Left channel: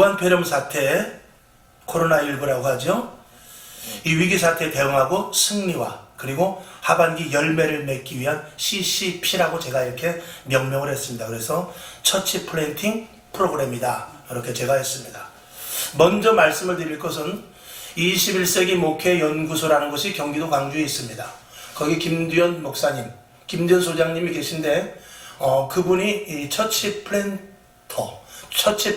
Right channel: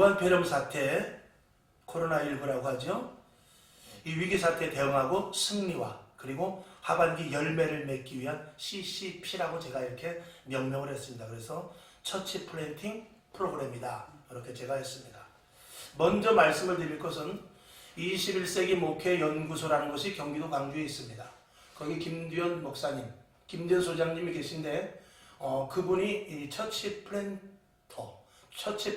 우한폐렴 사태, 코로나19라고 하죠. 이 위기 사태에 대응하고 승리와 그리고 하반기 열매를 맺기 위한 CCP라고 제가 이렇게 명명을 했습니다. 그래서 처치 플랜팅 프로그램이다. 이렇게 제가 했습니다. 먼저 말씀을 드릴 것은 21세기 목회 연구소라는 것이 경기도 광주에 있습니다. 거기 김두현 목사님, 김두현 소장님이 계신데 그분이 이 처치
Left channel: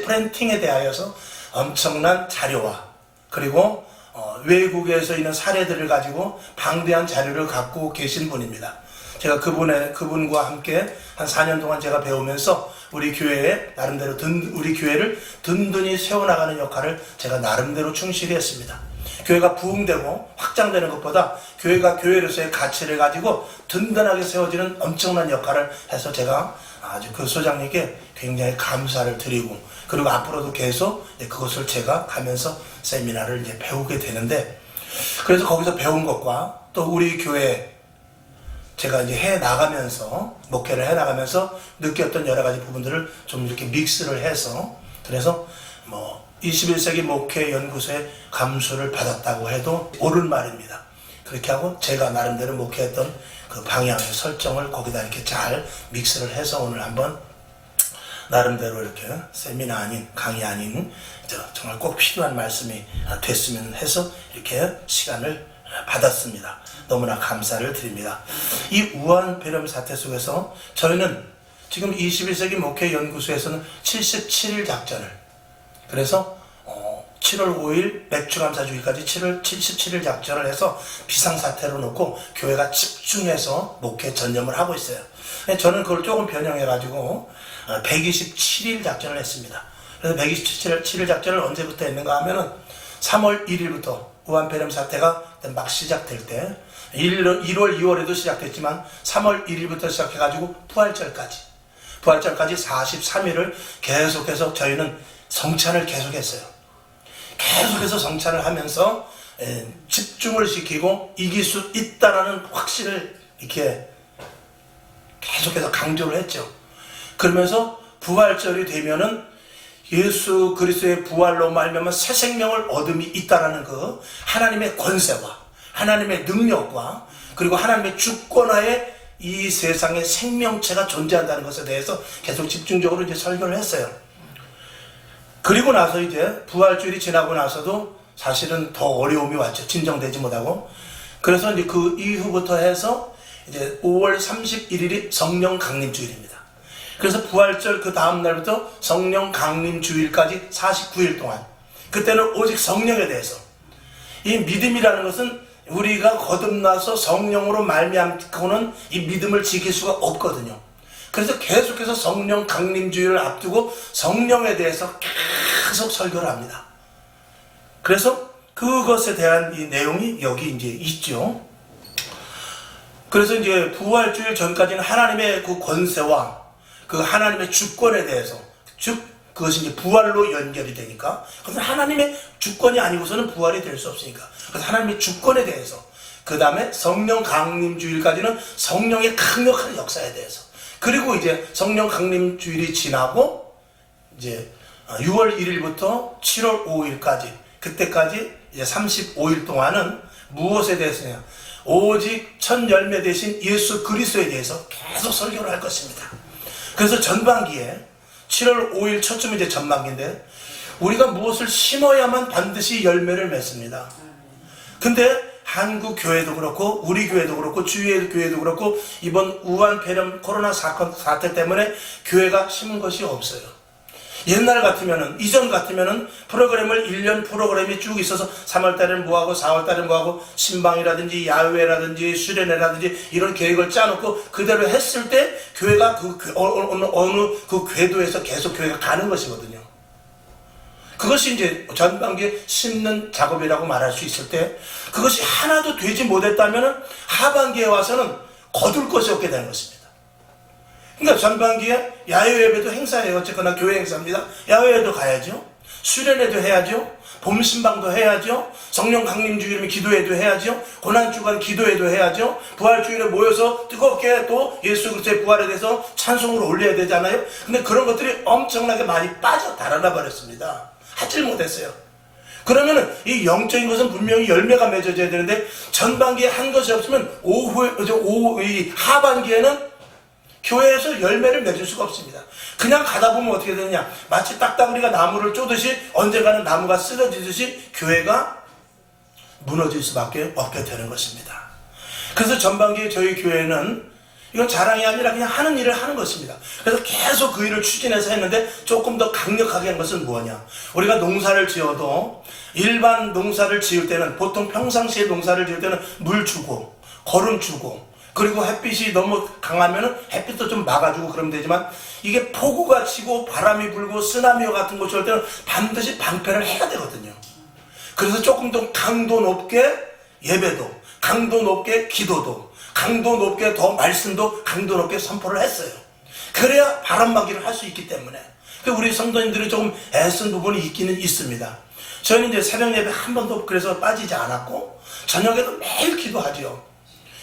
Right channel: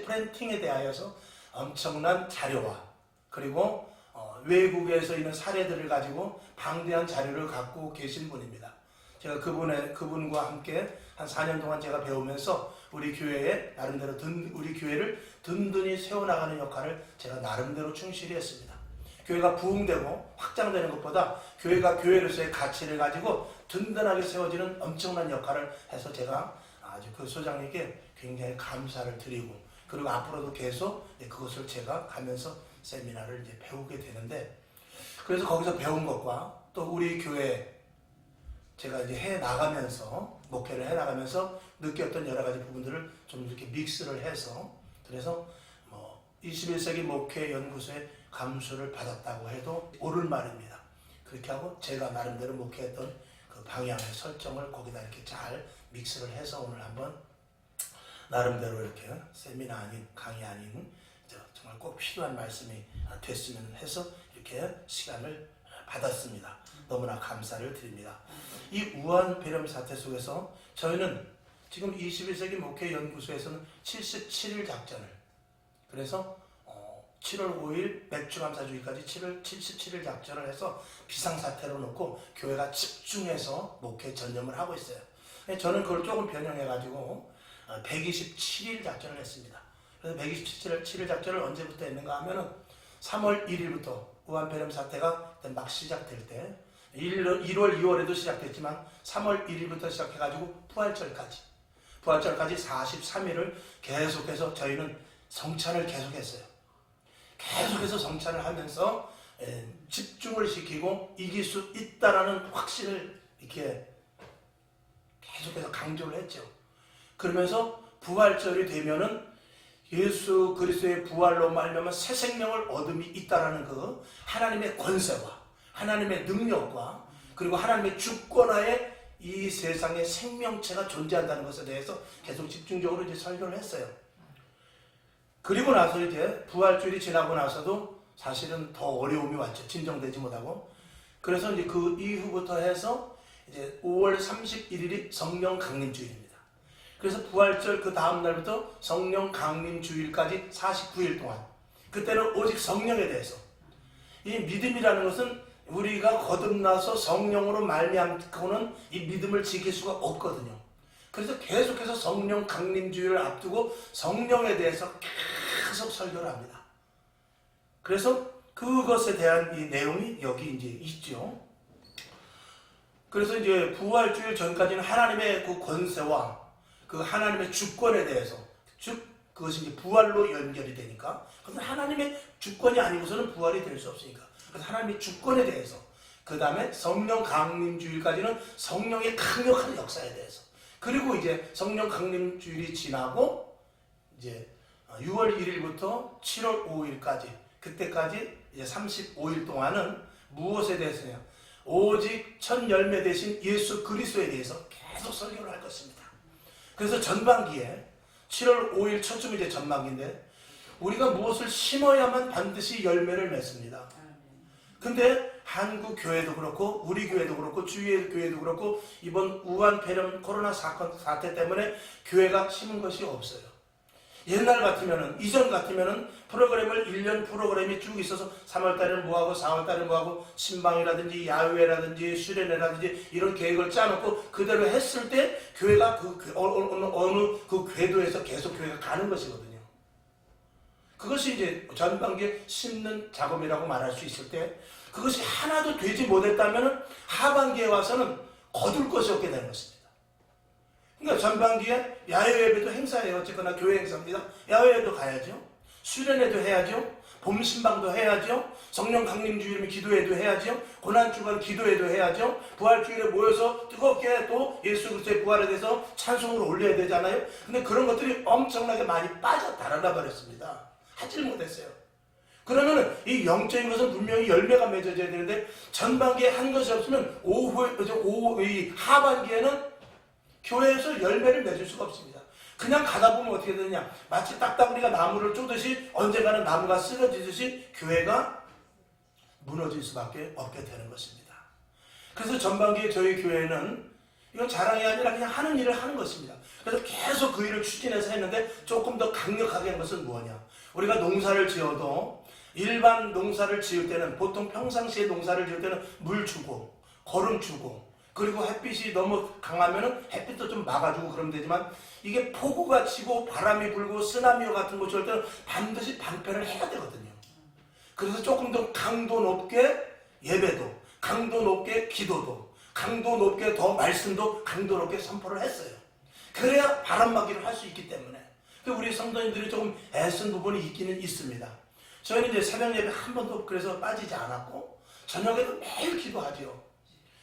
플랜팅에 대하여서 엄청난 자료와 그리고 외국에서 있는 사례들을 가지고 방대한 자료를 갖고 계신 분입니다. 제가 그분과 함께 한 4년 동안 제가 배우면서 우리 교회에 나름대로 우리 교회를 든든히 세워나가는 역할을 제가 나름대로 충실히 했습니다. 교회가 부흥되고 확장되는 것보다 교회가 교회로서의 가치를 가지고 든든하게 세워지는 엄청난 역할을 해서 제가 아주 그 소장님께 굉장히 감사를 드리고 그리고 앞으로도 계속 그것을 제가 가면서 세미나를 이제 배우게 되는데 그래서 거기서 배운 것과 또 우리 교회 제가 이제 해 나가면서 목회를 해 나가면서 느꼈던 여러 가지 부분들을 좀 이렇게 믹스를 해서 그래서 21세기 목회 연구소의 감수를 받았다고 해도 옳은 말입니다. 그렇게 하고 제가 나름대로 목회했던 그 방향의 설정을 거기다 이렇게 잘 믹스를 해서 오늘 한번 나름대로 이렇게 세미나 아닌 강의 아닌 정말 꼭 필요한 말씀이 됐으면 해서 이렇게 시간을 받았습니다. 너무나 감사를 드립니다. 이 우한폐렴 사태 속에서 저희는 지금 21세기 목회연구소에서는 77일 작전을 그래서 7월 5일 맥주감사주기까지 77일 작전을 해서 비상사태로 놓고 교회가 집중해서 목회 전념을 하고 있어요. 저는 그걸 조금 변형해가지고 127일 작전을 했습니다. 그래서 127일 작전을 언제부터 했는가 하면은 3월 1일부터 우한폐렴 사태가 막 시작될 때 1월, 2월에도 시작됐지만 3월 1일부터 시작해가지고 부활절까지 43일을 계속해서 저희는 성찬을 계속했어요. 계속해서 성찬을 하면서 집중을 시키고 이길 수 있다라는 확신을 이렇게 계속해서 강조를 했죠. 그러면서 부활절이 되면은 예수 그리스도의 부활로 말미암아 새 생명을 얻음이 있다라는 그 하나님의 권세와 하나님의 능력과 그리고 하나님의 주권하에 이 세상에 생명체가 존재한다는 것에 대해서 계속 집중적으로 이제 설교를 했어요. 그리고 나서 이제 부활주일이 지나고 나서도 사실은 더 어려움이 왔죠. 진정되지 못하고. 그래서 이제 그 이후부터 해서 이제 5월 31일이 성령 강림주일입니다. 그래서 부활절 그 다음 날부터 성령 강림주일까지 49일 동안 그때는 오직 성령에 대해서 이 믿음이라는 것은 우리가 거듭나서 성령으로 말미암고는 이 믿음을 지킬 수가 없거든요. 그래서 계속해서 성령 강림주의를 앞두고 성령에 대해서 계속 설교를 합니다. 그래서 그것에 대한 이 내용이 여기 이제 있죠. 그래서 이제 부활주일 전까지는 하나님의 그 권세와 그 하나님의 주권에 대해서, 즉 그것이 이제 부활로 연결이 되니까, 그래서 하나님의 주권이 아니고서는 부활이 될 수 없으니까, 그래서 하나님의 주권에 대해서, 그 다음에 성령 강림주일까지는 성령의 강력한 역사에 대해서, 그리고 이제 성령 강림주일이 지나고 이제 6월 1일부터 7월 5일까지 그때까지 이제 35일 동안은 무엇에 대해서냐? 오직 첫 열매 되신 예수 그리스도에 대해서 계속 설교를 할 것입니다. 그래서 전반기에 7월 5일 첫쯤이 이제 전반기인데 우리가 무엇을 심어야만 반드시 열매를 맺습니다. 근데 한국 교회도 그렇고 우리 교회도 그렇고 주위의 교회도 그렇고 이번 우한폐렴 코로나 사태 때문에 교회가 심은 것이 없어요. 옛날 같으면은, 이전 같으면은 프로그램을 1년 프로그램이 쭉 있어서 3월달에는 뭐하고 4월달에는 뭐하고 신방이라든지 야외라든지 수련회라든지 이런 계획을 짜놓고 그대로 했을 때 교회가 어느 그 궤도에서 계속 교회가 가는 것이거든요. 그것이 이제 전반기에 심는 작업이라고 말할 수 있을 때 그것이 하나도 되지 못했다면 하반기에 와서는 거둘 것이 없게 되는 것입니다. 그러니까 전반기에 야외 예배도 행사예요. 어쨌거나 교회 행사입니다. 야외에도 가야죠. 수련회도 해야죠. 봄신방도 해야죠. 성령 강림주일이면 기도회도 해야죠. 고난주간 기도회도 해야죠. 부활주일에 모여서 뜨겁게 또 예수 그리스도의 부활에 대해서 찬송을 올려야 되잖아요. 근데 그런 것들이 엄청나게 많이 빠져 달아나 버렸습니다. 하질 못했어요. 그러면은 이 영적인 것은 분명히 열매가 맺어져야 되는데 전반기에 한 것이 없으면 이 하반기에는 교회에서 열매를 맺을 수가 없습니다. 그냥 가다 보면 어떻게 되느냐, 마치 딱따구리가 나무를 쪼듯이 언젠가는 나무가 쓰러지듯이 교회가 무너질 수밖에 없게 되는 것입니다. 그래서 전반기에 저희 교회는 이건 자랑이 아니라 그냥 하는 일을 하는 것입니다. 그래서 계속 그 일을 추진해서 했는데 조금 더 강력하게 한 것은 뭐냐, 우리가 농사를 지어도 일반 농사를 지을 때는, 보통 평상시에 농사를 지을 때는 물 주고 거름 주고 그리고 햇빛이 너무 강하면 햇빛도 좀 막아주고 그러면 되지만, 이게 폭우가 치고 바람이 불고 쓰나미와 같은 것이 올 때는 반드시 방패를 해야 되거든요. 그래서 조금 더 강도 높게 예배도, 강도 높게 기도도, 강도 높게 더 말씀도 강도 높게 선포를 했어요. 그래야 바람막이를 할 수 있기 때문에. 우리 성도님들이 조금 애쓴 부분이 있기는 있습니다. 저희는 이제 새벽 예배 한 번도 그래서 빠지지 않았고 저녁에도 매일 기도하죠.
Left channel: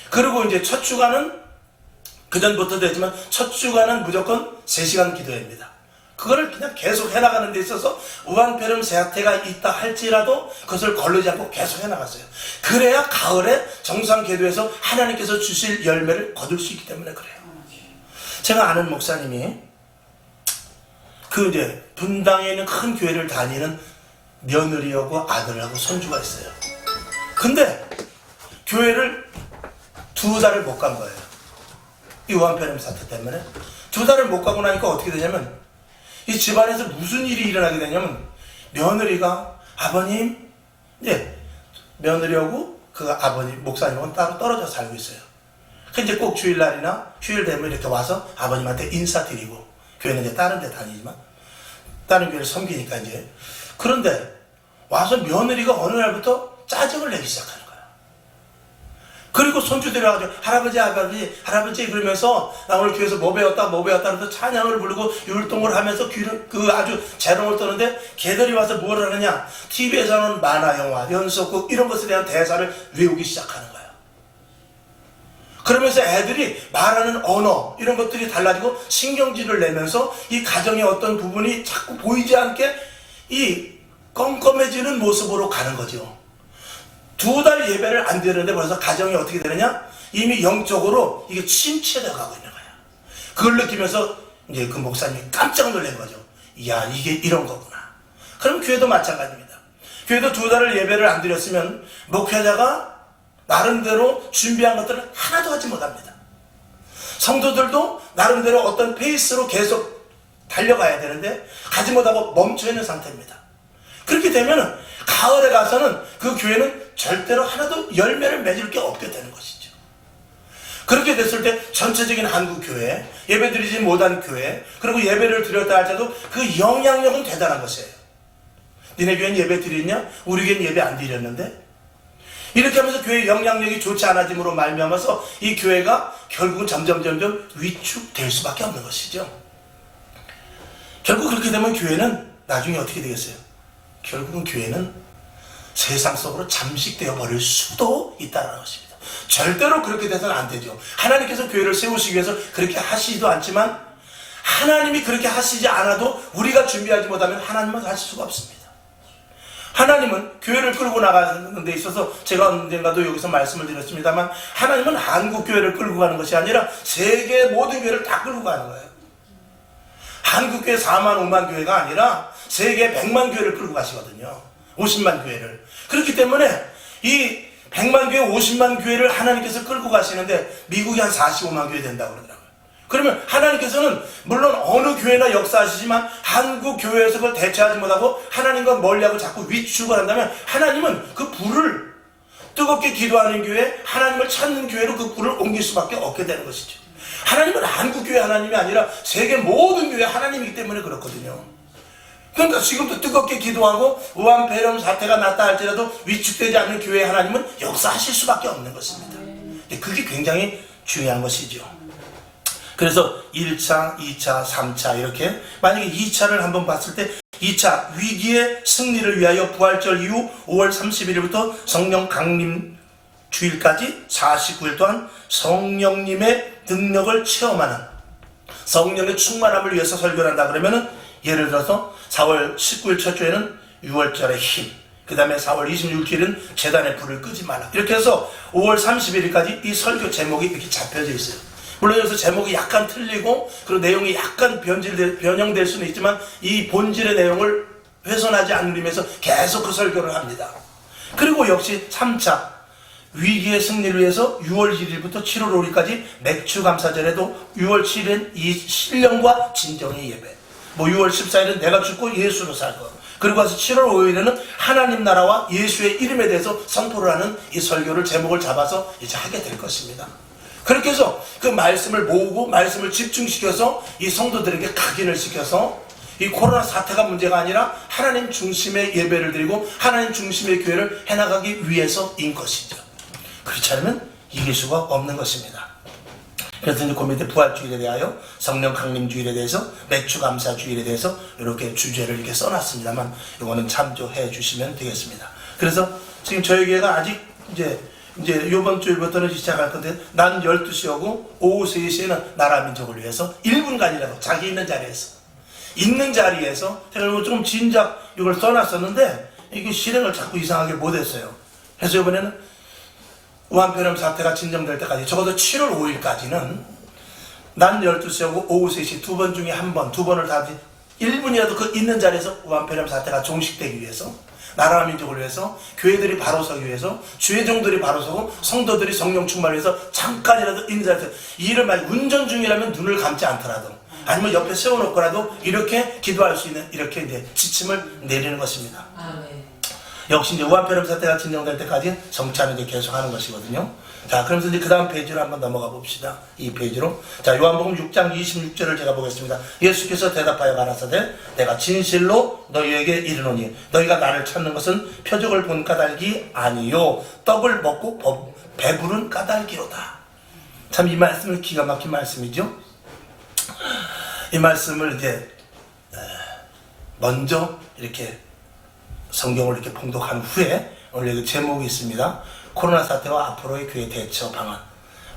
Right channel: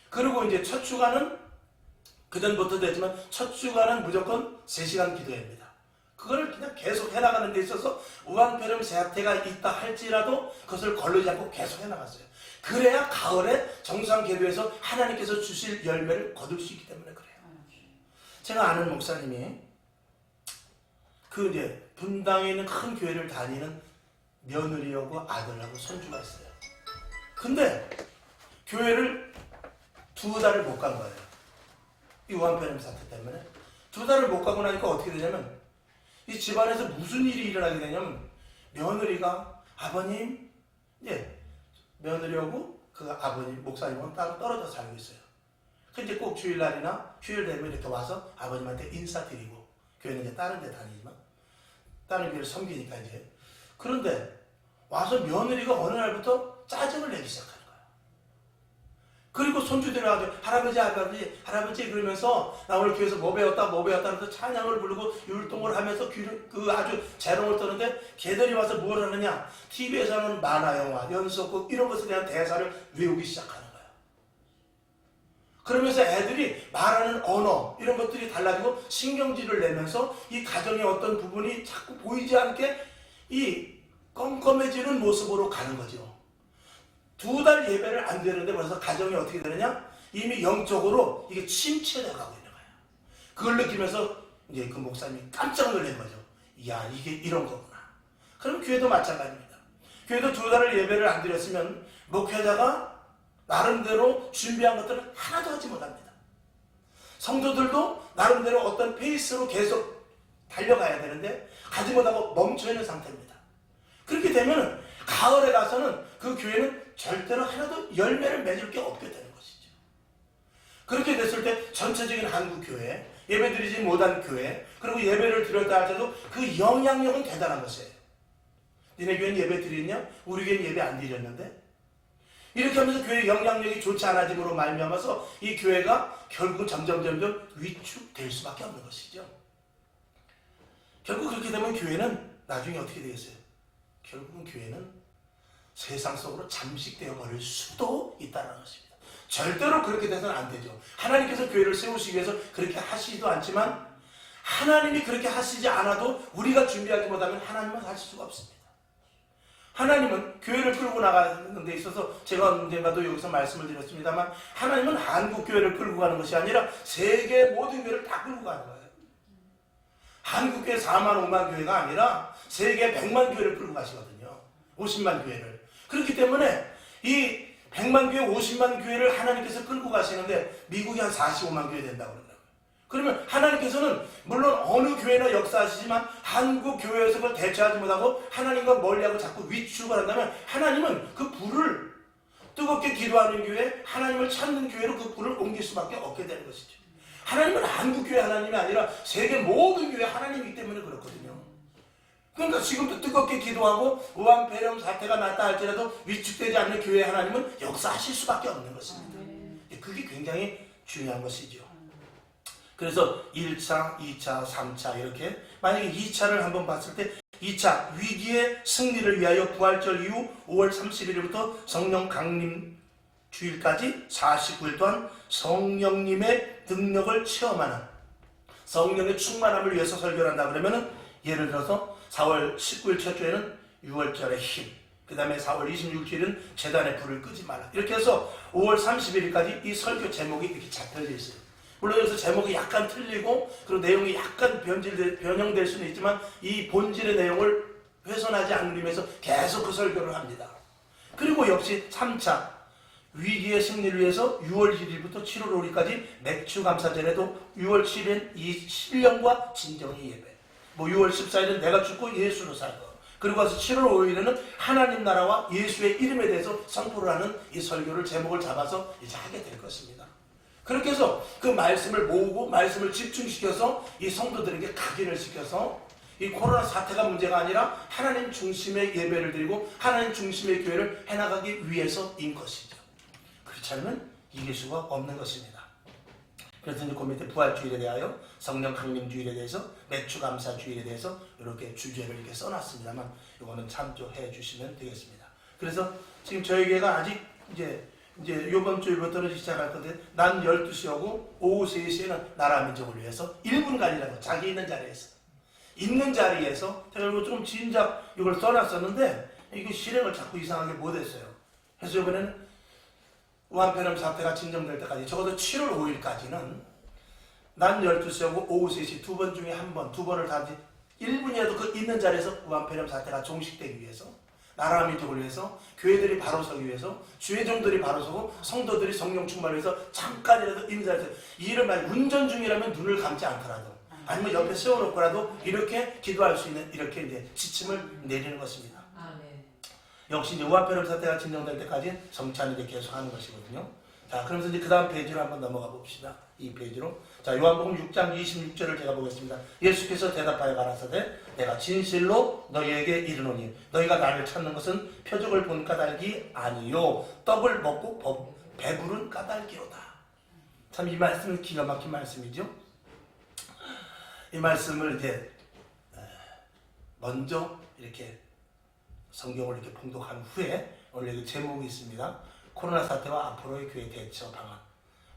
그리고 이제 첫 주간은 그전부터도 했지만 첫 주간은 무조건 3시간 기도입니다. 그거를 그냥 계속 해나가는 데 있어서 우한폐렴 세태가 있다 할지라도 그것을 거르지 않고 계속 해나갔어요. 그래야 가을에 정상 기도에서 하나님께서 주실 열매를 거둘 수 있기 때문에 그래요. 제가 아는 목사님이 이제 분당에 있는 큰 교회를 다니는 며느리하고 아들하고 손주가 있어요. 근데 교회를 2달을 못 간 거예요. 이 우한폐렴 사태 때문에 2달을 못 가고 나니까 어떻게 되냐면, 이 집안에서 무슨 일이 일어나게 되냐면, 며느리가 아버님, 며느리하고 그 아버님 목사님하고는 따로 떨어져 살고 있어요. 근데 꼭 주일날이나 휴일 되면 이렇게 와서 아버님한테 인사드리고, 교회는 이제 다른 데 다니지만 다른 교회를 섬기니까 이제. 그런데 와서 며느리가 어느 날부터 짜증을 내기 시작하는 거예요. 그리고 손주들이 와가지고 할아버지 그러면서 나 오늘 교회에서 뭐 배웠다 그래서 찬양을 부르고 율동을 하면서 아주 재롱을 떠는데, 걔들이 와서 뭘 하느냐, TV에서는 만화 영화, 연속극 이런 것에 대한 대사를 외우기 시작하는 거예요. 그러면서 애들이 말하는 언어 이런 것들이 달라지고 신경질을 내면서 이 가정의 어떤 부분이 자꾸 보이지 않게 이 껌껌해지는 모습으로 가는 거죠. 2달 예배를 안 드리는데 벌써 가정이 어떻게 되느냐? 이미 영적으로 이게 침체되어 가고 있는 거야. 그걸 느끼면서 이제 그 목사님이 깜짝 놀란 거죠. 이야, 이게 이런 거구나. 그럼 교회도 마찬가지입니다. 교회도 2달을 예배를 안 드렸으면 목회자가 나름대로 준비한 것들을 하나도 하지 못합니다. 성도들도 나름대로 어떤 페이스로 계속 달려가야 되는데 가지 못하고 멈춰있는 상태입니다. 그렇게 되면 가을에 가서는 그 교회는 절대로 하나도 열매를 맺을 게 없게 되는 것이죠. 그렇게 됐을 때 전체적인 한국 교회, 예배드리지 못한 교회, 그리고 예배를 드렸다 할 때도 그 영향력은 대단한 것이에요. 니네 교회는 예배 드렸냐? 우리 교회는 예배 안 드렸는데? 이렇게 하면서 교회의 영향력이 좋지 않아짐으로 말미암아서 이 교회가 결국은 점점 위축될 수밖에 없는 것이죠. 결국 그렇게 되면 교회는 나중에 어떻게 되겠어요? 결국은 교회는 세상 속으로 잠식되어 버릴 수도 있다는 것입니다. 절대로 그렇게 돼서는 안 되죠. 하나님께서 교회를 세우시기 위해서 그렇게 하시지도 않지만, 하나님이 그렇게 하시지 않아도 우리가 준비하지 못하면 하나님은 하실 수가 없습니다. 하나님은 교회를 끌고 나가는 데 있어서 제가 언젠가도 여기서 말씀을 드렸습니다만, 하나님은 한국 교회를 끌고 가는 것이 아니라 세계 모든 교회를 다 끌고 가는 거예요. 한국 교회 4만 5만 교회가 아니라 세계 100만 교회를 끌고 가시거든요. 50만 교회를. 그렇기 때문에 이 100만 교회, 50만 교회를 하나님께서 끌고 가시는데 미국이 한 45만 교회 된다고 그러더라고요. 그러면 하나님께서는 물론 어느 교회나 역사하시지만 한국 교회에서 그걸 대처하지 못하고 하나님과 멀리하고 자꾸 위축을 한다면, 하나님은 그 불을, 뜨겁게 기도하는 교회, 하나님을 찾는 교회로 그 불을 옮길 수밖에 없게 되는 것이죠. 하나님은 한국 교회 하나님이 아니라 세계 모든 교회 하나님이기 때문에 그렇거든요. 그러니까 지금도 뜨겁게 기도하고 우한폐렴 사태가 났다 할지라도 위축되지 않는 교회 하나님은 역사하실 수밖에 없는 것입니다. 그게 굉장히 중요한 것이죠. 그래서 1차, 2차, 3차 이렇게, 만약에 2차를 한번 봤을 때 2차 위기의 승리를 위하여 부활절 이후 5월 31일부터 성령 강림 주일까지 49일 동안 성령님의 능력을 체험하는, 성령의 충만함을 위해서 설교를 한다 그러면은, 예를 들어서 4월 19일 첫 주에는 6월절의 힘, 그 다음에 4월 26일은 재단의 불을 끄지 말라, 이렇게 해서 5월 31일까지 이 설교 제목이 이렇게 잡혀져 있어요. 물론 여기서 제목이 약간 틀리고 그리고 내용이 약간 변형될 수는 있지만 이 본질의 내용을 훼손하지 않는 의미에서 계속 그 설교를 합니다. 그리고 역시 3차 위기의 승리를 위해서 6월 1일부터 7월 5일까지 맥추감사절에도 6월 7일은 이 신령과 진정의 예배, 6월 14일은 내가 죽고 예수로 살 것, 그리고 와서 7월 5일에는 하나님 나라와 예수의 이름에 대해서 선포를 하는 이 설교를 제목을 잡아서 이제 하게 될 것입니다. 그렇게 해서 그 말씀을 모으고 말씀을 집중시켜서 이 성도들에게 각인을 시켜서 이 코로나 사태가 문제가 아니라 하나님 중심의 예배를 드리고 하나님 중심의 교회를 해나가기 위해서인 것이죠. 그렇지 않으면 이길 수가 없는 것입니다. 그래서 이제 그 밑에 부활주일에 대하여, 성령 강림주일에 대해서, 맥추감사주일에 대해서 이렇게 주제를 이렇게 써놨습니다만 이거는 참조해 주시면 되겠습니다. 그래서 지금 저희 교회가 아직 이제 이번 주일부터는 시작할 건데, 난 12시 오고 오후 3시에는 나라 민족을 위해서 1분간이라도 자기 있는 자리에서 제가 좀 진작 이걸 써놨었는데 이게 실행을 자꾸 이상하게 못했어요. 그래서 이번에는 우한폐렴 사태가 진정될 때까지 적어도 7월 5일까지는 난 12시 오고 오후 3시 두 번 중에 한 번, 두 번을 다 1분이라도 그 있는 자리에서 우한폐렴 사태가 종식되기 위해서, 나라 민족을 위해서, 교회들이 바로 서기 위해서, 주회종들이 바로 서고 성도들이 성령 충만을 위해서 잠깐이라도 있는 자리에서, 이를 만약 운전 중이라면 눈을 감지 않더라도 아니면 옆에 세워놓고라도 이렇게 기도할 수 있는, 이렇게 이제 지침을 내리는 것입니다. 역시 이제 우한폐렴 사태가 진정될 때까지 성찬을 이제 계속하는 것이거든요. 자, 그러면서 이제 그 다음 페이지로 한번 넘어가 봅시다. 이 페이지로. 자, 요한복음 6장 26절을 제가 보겠습니다. 예수께서 대답하여 가라사대 내가 진실로 너희에게 이르노니 너희가 나를 찾는 것은 표적을 본 까닭이 아니요 떡을 먹고 배부른 까닭이로다. 참 이 말씀은 기가 막힌 말씀이죠. 이 말씀을 이제 먼저 이렇게 성경을 이렇게 봉독한 후에 오늘 여기 제목이 있습니다. 코로나 사태와 앞으로의 교회 대처 방안.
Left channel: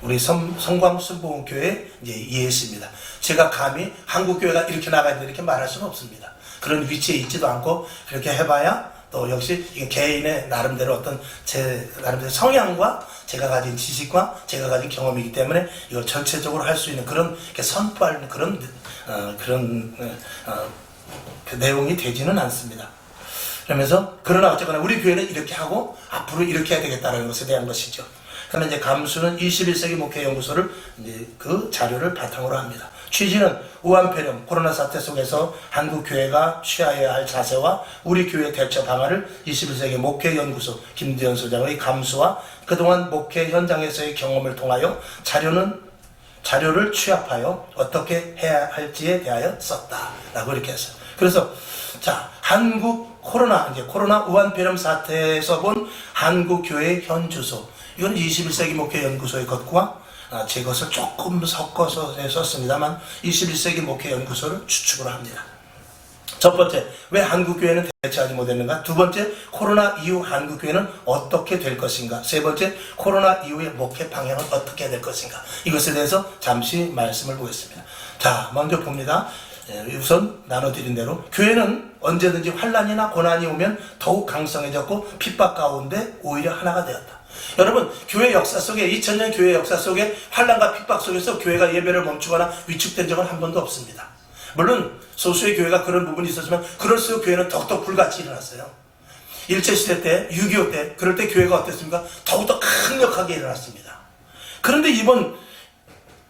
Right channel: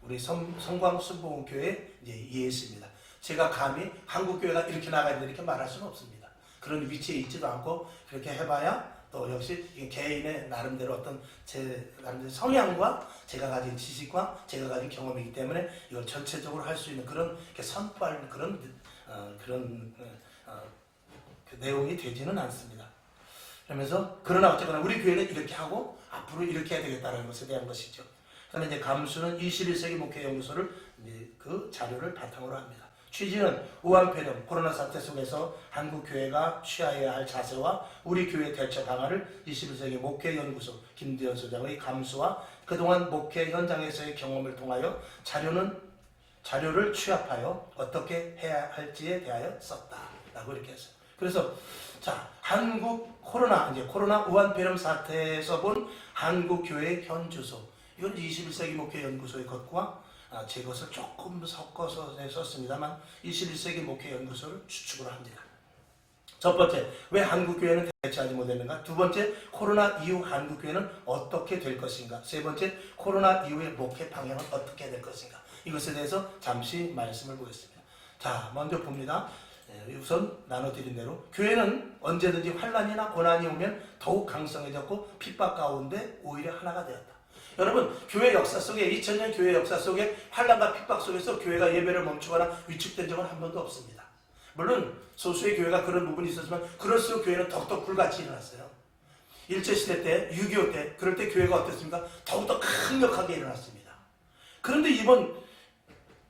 우리 성광순복음교회 이제 예수입니다. 제가 감히 한국교회가 이렇게 나가야 된다 이렇게 말할 수는 없습니다. 그런 위치에 있지도 않고 그렇게 해봐야 또 역시 이게 개인의 나름대로 어떤 제 나름대로 성향과 제가 가진 지식과 제가 가진 경험이기 때문에 이걸 전체적으로 할 수 있는 그런 선포할 그런 그 내용이 되지는 않습니다. 그러면서 그러나 어쨌거나 우리 교회는 이렇게 하고 앞으로 이렇게 해야 되겠다는 것에 대한 것이죠. 그러면 이제 감수는 21세기 목회연구소를 이제 그 자료를 바탕으로 합니다. 취지는 우한폐렴 코로나 사태 속에서 한국 교회가 취해야 할 자세와 우리 교회 대처 방안을 21세기 목회연구소 김대현 소장의 감수와 그동안 목회 현장에서의 경험을 통하여 자료를 취합하여 어떻게 해야 할지에 대하여 썼다라고 이렇게 했어요. 그래서 자, 한국 코로나 우한폐렴 사태에서 본 한국 교회의 현주소, 이건 21세기 목회연구소의 것과 제 것을 조금 섞어서 썼습니다만 21세기 목회연구소를 추측으로 합니다. 첫 번째, 왜 한국교회는 대처하지 못했는가? 두 번째, 코로나 이후 한국교회는 어떻게 될 것인가? 세 번째, 코로나 이후의 목회 방향은 어떻게 될 것인가? 이것에 대해서 잠시 말씀을 보겠습니다. 자, 먼저 봅니다. 우선 나눠드린 대로 교회는 언제든지 환난이나 고난이 오면 더욱 강성해졌고 핍박 가운데 오히려 하나가 되었다. 여러분, 교회 역사 속에 2000년 교회 역사 속에 환난과 핍박 속에서 교회가 예배를 멈추거나 위축된 적은 한 번도 없습니다. 물론 소수의 교회가 그런 부분이 있었지만 그럴수록 교회는 더욱더 불같이 일어났어요. 일제시대 때, 6.25 때, 그럴 때 교회가 어땠습니까? 더욱더 강력하게 일어났습니다. 그런데 이번